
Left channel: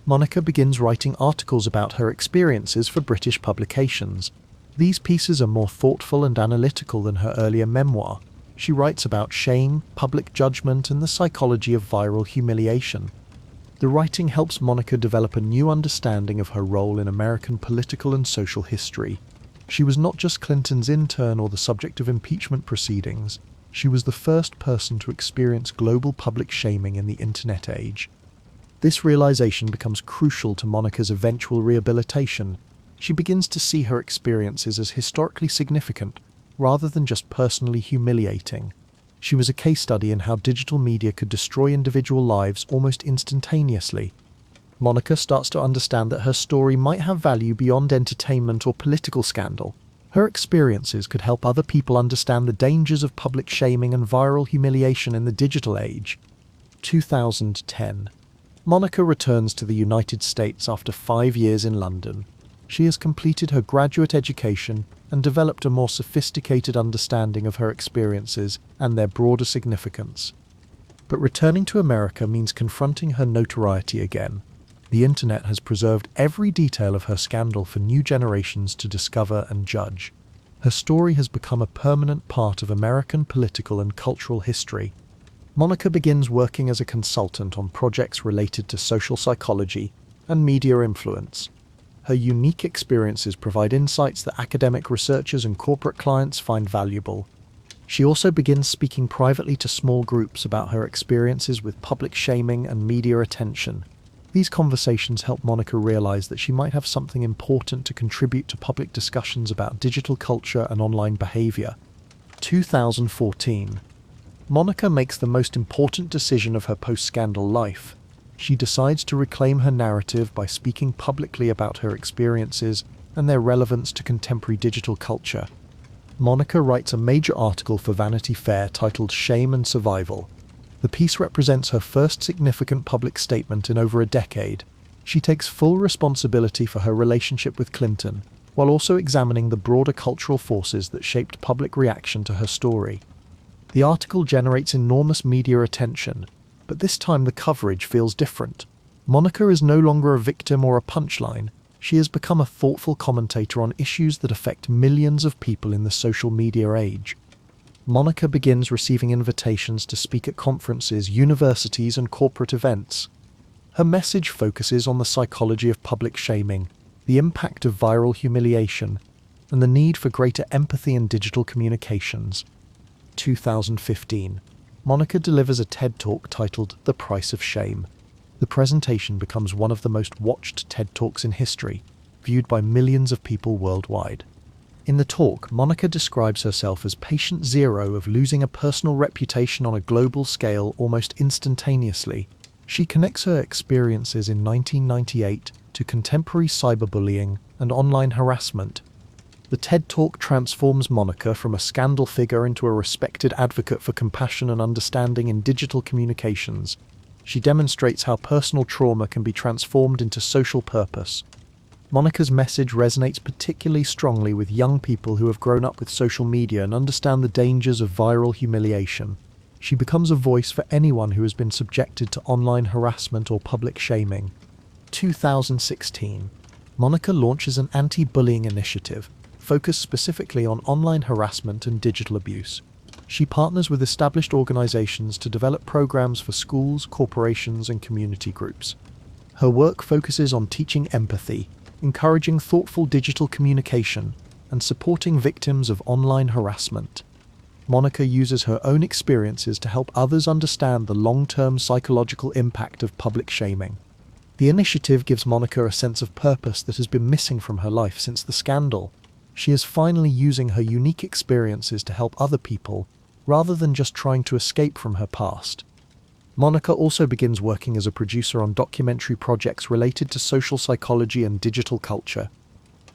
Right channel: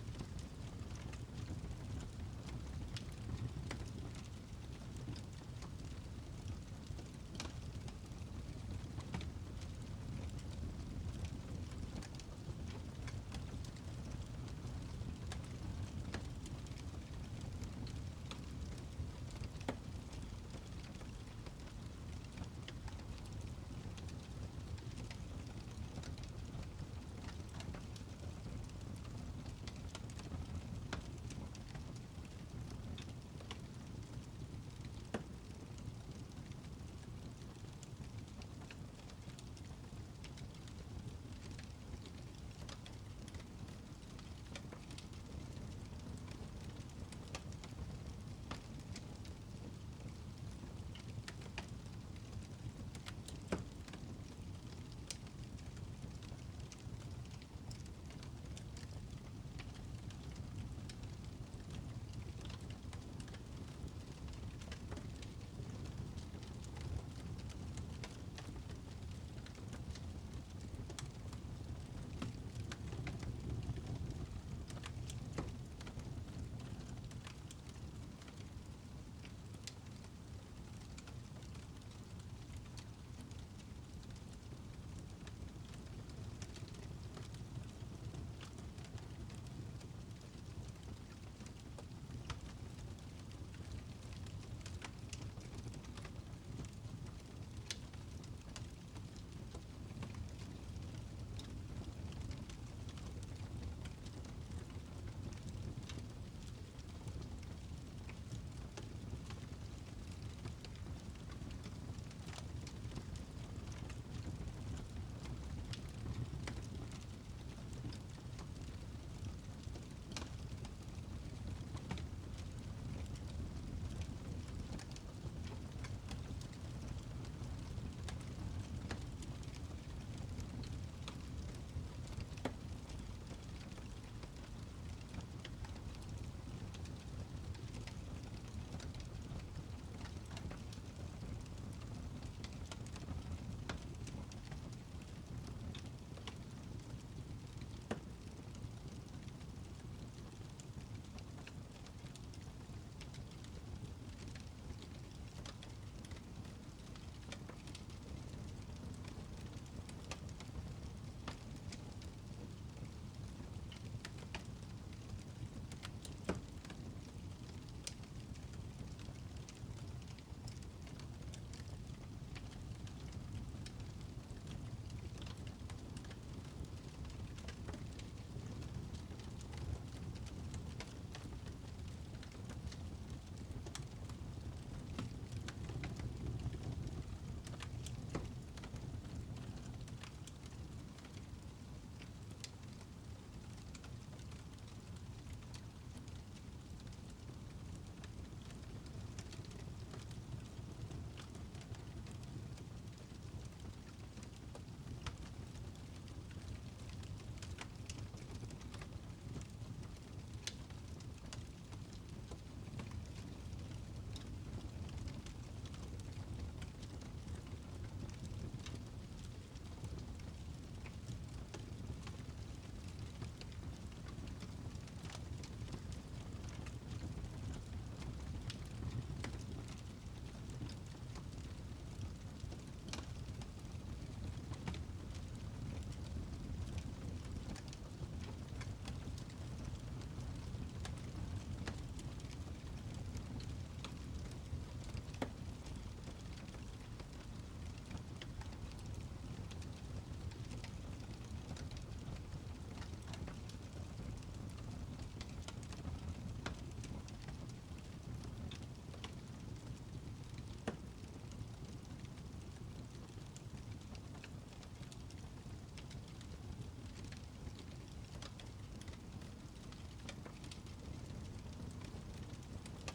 Monica begins writing articles about her experiences for British publications. These pieces are more thoughtful and analytical than her earlier memoir. She writes about shame, public judgment, and the psychology of viral humiliation. The writing helps Monica develop a new understanding of her role in American political and social history. She was not just Clinton's intern or the subject of impeachment proceedings. She was the first person to experience global public shaming in the internet age. This realization becomes crucial to Monica's eventual rehabilitation. She begins to see her experiences as historically significant, rather than just personally humiliating. She was a case study in how digital media could destroy individual lives almost instantaneously. Monica starts to understand that her story might have value beyond entertainment or political scandal. Her experiences could help other people understand the dangers of public shaming and viral humiliation in the digital age. 2010. Monica returns to the United States after 5 years in London. She has completed her graduate education and developed a more sophisticated understanding of her experiences and their broader significance. But returning to America means confronting her notoriety again. The internet has preserved every detail of her scandal for new generations to discover and judge. Her story has become a permanent part of American political and cultural history. Monica begins working as a consultant on projects related to social psychology and media influence. Her unique experiences provide insights that academic researchers and corporate clients find valuable. She also begins speaking privately to small groups about her experiences with public shaming and media attention. These conversations help Monica realize that she might have something important to contribute to public discussions about digital culture and online behavior. 2014. Monica makes the most important decision of her post-scandal life. She decides to reclaim her narrative by speaking publicly about her experiences and their relevance to contemporary digital culture. Monica writes a major article for Vanity Fair titled "Shame and Survival." The piece represents her first significant public statement in over a decade. She takes full responsibility for her relationship with Clinton, while also examining the broader cultural forces that shaped public reaction to her story. The article generates enormous media attention, but this time the coverage feels different. Monica is no longer a victim or a punchline. She has become a thoughtful commentator on issues that affect millions of people in the social media age. Monica begins receiving invitations to speak at conferences, universities, and corporate events. Her message focuses on the psychology of public shaming, the impact of viral humiliation, and the need for greater empathy in digital communications. 2015. Monica delivers a TED Talk titled "The Price of Shame." The presentation becomes one of the most watched TED Talks in history, viewed by millions of people worldwide. In the talk, Monica describes herself as patient zero of losing a personal reputation on a global scale almost instantaneously. She connects her experiences in 1998 to contemporary cyberbullying and online harassment. The TED Talk transforms Monica from a scandal figure into a respected advocate for compassion and understanding in digital communications. She demonstrates how personal trauma can be transformed into social purpose. Monica's message resonates particularly strongly with young people who have grown up with social media and understand the dangers of viral humiliation. She becomes a voice for anyone who has been subjected to online harassment or public shaming. 2016. Monica launches an anti-bullying initiative focused specifically on online harassment and digital abuse. She partners with established organizations to develop programs for schools, corporations, and community groups. Her work focuses on teaching empathy, encouraging thoughtful digital communication, and supporting victims of online harassment. Monica uses her own experiences to help others understand the long-term psychological impact of public shaming. The initiative gives Monica a sense of purpose that has been missing from her life since the scandal. She is finally using her unique experiences to help other people, rather than just trying to escape from her past. Monica also begins working as a producer on documentary projects related to social psychology and digital culture.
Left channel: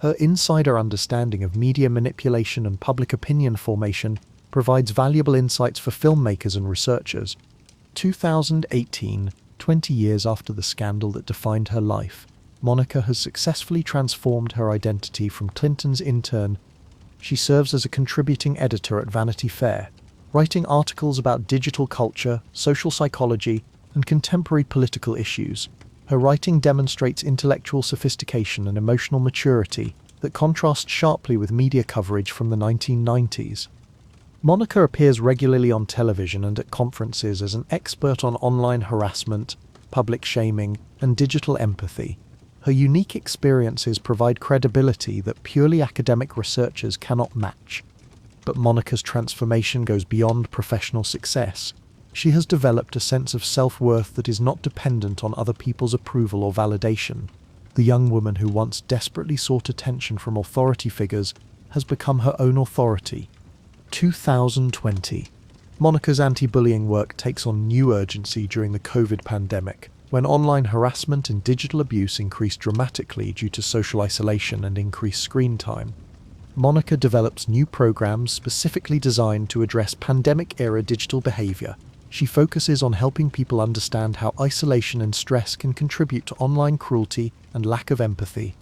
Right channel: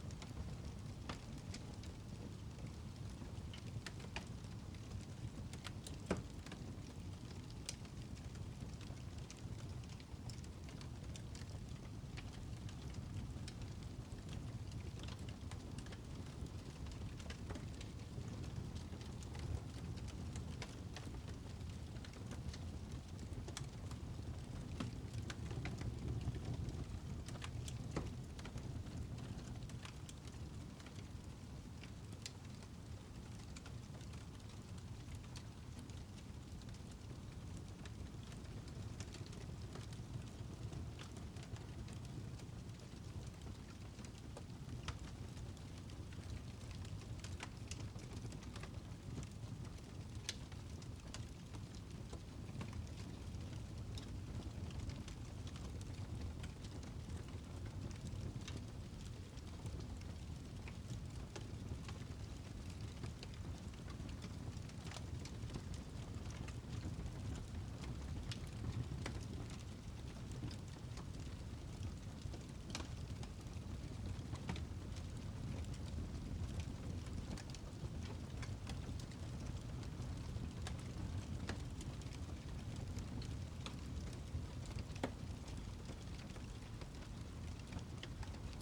Her insider understanding of media manipulation and public opinion formation provides valuable insights for filmmakers and researchers. 2018, 20 years after the scandal that defined her life, Monica has successfully transformed her identity from Clinton's intern. She serves as a contributing editor at Vanity Fair, writing articles about digital culture, social psychology, and contemporary political issues. Her writing demonstrates intellectual sophistication and emotional maturity that contrasts sharply with media coverage from the 1990s. Monica appears regularly on television and at conferences as an expert on online harassment, public shaming, and digital empathy. Her unique experiences provide credibility that purely academic researchers cannot match. But Monica's transformation goes beyond professional success. She has developed a sense of self-worth that is not dependent on other people's approval or validation. The young woman who once desperately sought attention from authority figures has become her own authority. 2020. Monica's anti-bullying work takes on new urgency during the COVID pandemic, when online harassment and digital abuse increased dramatically due to social isolation and increased screen time. Monica develops new programs specifically designed to address pandemic-era digital behavior. She focuses on helping people understand how isolation and stress can contribute to online cruelty and lack of empathy.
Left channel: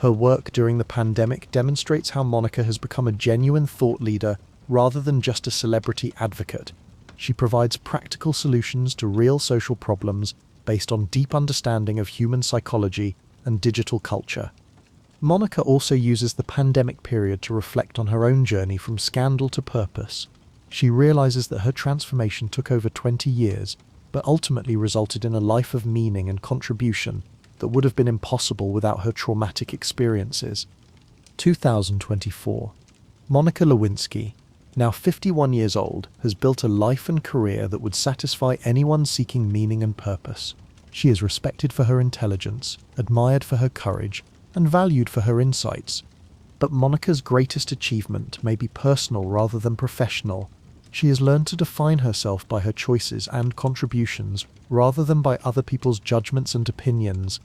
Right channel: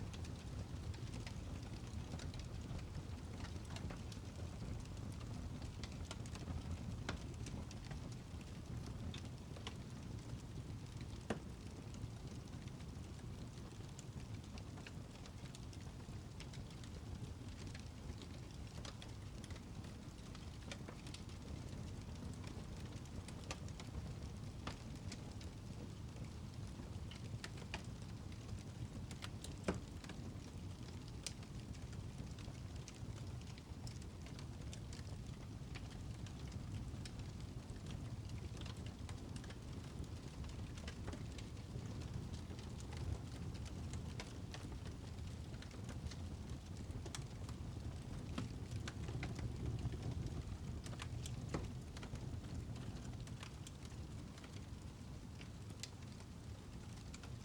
Her work during the pandemic demonstrates how Monica has become a genuine thought leader rather than just a celebrity advocate. She provides practical solutions to real social problems based on deep understanding of human psychology and digital culture. Monica also uses the pandemic period to reflect on her own journey from scandal to purpose. She realizes that her transformation took over 20 years, but ultimately resulted in a life of meaning and contribution that would have been impossible without her traumatic experiences. 2024. Monica Lewinsky, now 51 years old, has built a life and career that would satisfy anyone seeking meaning and purpose. She is respected for her intelligence, admired for her courage, and valued for her insights. But Monica's greatest achievement may be personal rather than professional. She has learned to define herself by her choices and contributions rather than by other people's judgments and opinions.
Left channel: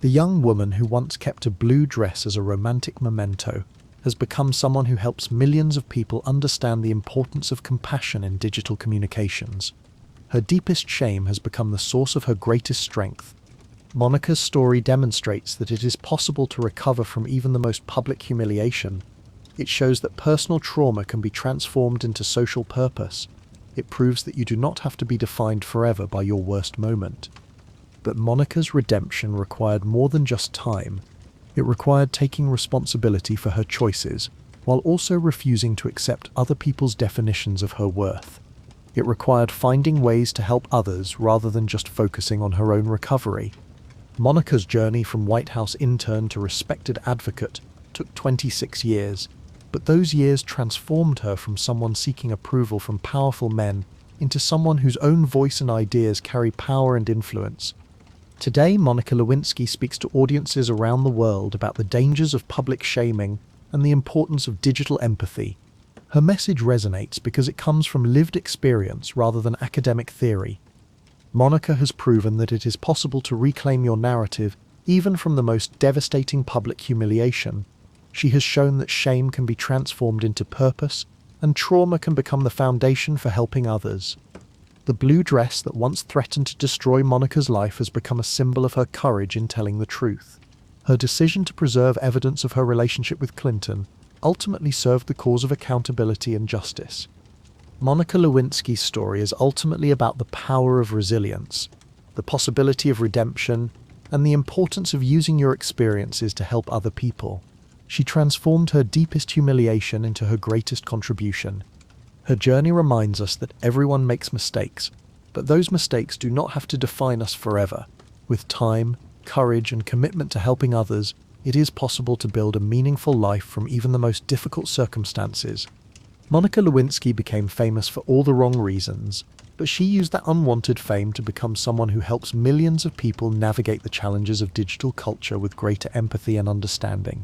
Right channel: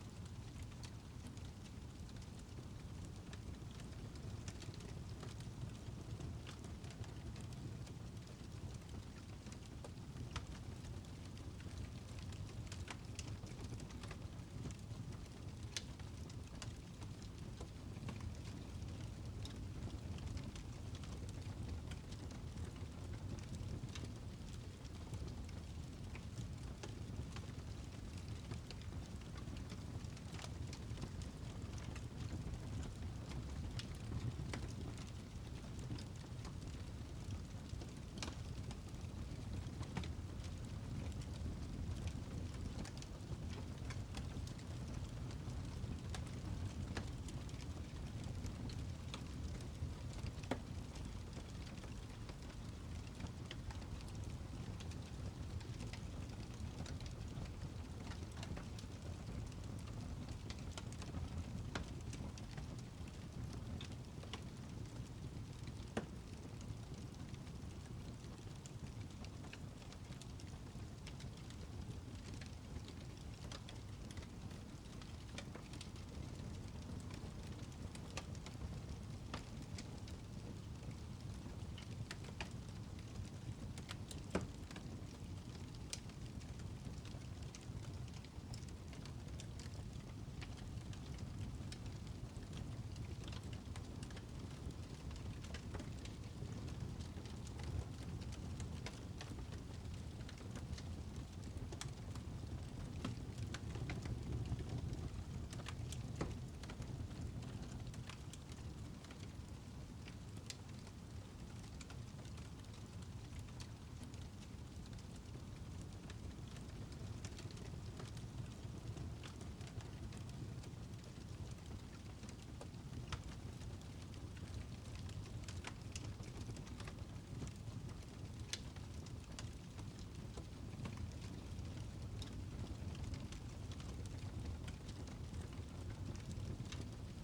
The young woman who once kept a blue dress as a romantic memento has become someone who helps millions of people understand the importance of compassion in digital communications. Her deepest shame has become the source of her greatest strength. Monica's story demonstrates that it is possible to recover from even the most public humiliation. It shows that personal trauma can be transformed into social purpose. It proves that you do not have to be defined forever by your worst moment. But Monica's redemption required more than just time. It required taking responsibility for her choices, while also refusing to accept other people's definitions of her worth. It required finding ways to help others rather than just focusing on her own recovery. Monica's journey from White House intern to respected advocate took 26 years, but those years transformed her from someone seeking approval from powerful men into someone whose own voice and ideas carry power and influence. Today, Monica Lewinsky speaks to audiences around the world about the dangers of public shaming, and the importance of digital empathy. Her message resonates because it comes from lived experience rather than academic theory. Monica has proven that it is possible to reclaim your narrative even from the most devastating public humiliation. She has shown that shame can be transformed into purpose, and trauma can become the foundation for helping others. The blue dress that once threatened to destroy Monica's life has become a symbol of her courage in telling the truth. Her decision to preserve evidence of her relationship with Clinton ultimately served the cause of accountability and justice. Monica Lewinsky's story is ultimately about the power of resilience, the possibility of redemption, and the importance of using your experiences to help other people. She transformed her deepest humiliation into her greatest contribution. Her journey reminds us that everyone makes mistakes, but those mistakes do not have to define us forever. With time, courage, and commitment to helping others, it is possible to build a meaningful life from even the most difficult circumstances. Monica Lewinsky became famous for all the wrong reasons, but she used that unwanted fame to become someone who helps millions of people navigate the challenges of digital culture with greater empathy and understanding.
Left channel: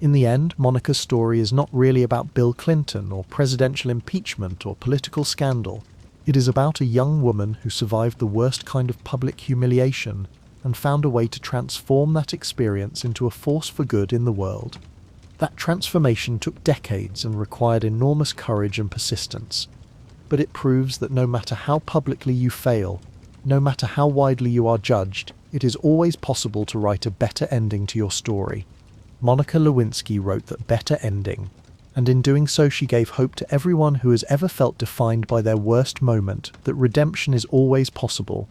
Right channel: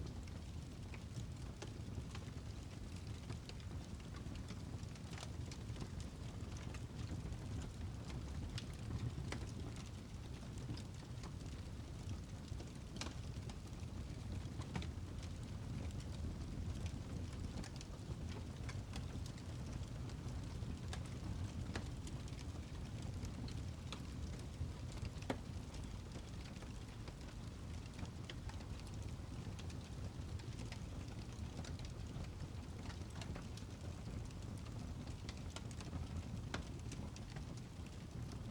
In the end, Monica's story is not really about Bill Clinton or presidential impeachment or political scandal. It is about a young woman who survived the worst kind of public humiliation and found a way to transform that experience into a force for good in the world. That transformation took decades and required enormous courage and persistence. But it proves that no matter how publicly you fail, no matter how widely you are judged, it is always possible to write a better ending to your story. Monica Lewinsky wrote that better ending, and in doing so she gave hope to everyone who has ever felt defined by their worst moment that redemption is always possible,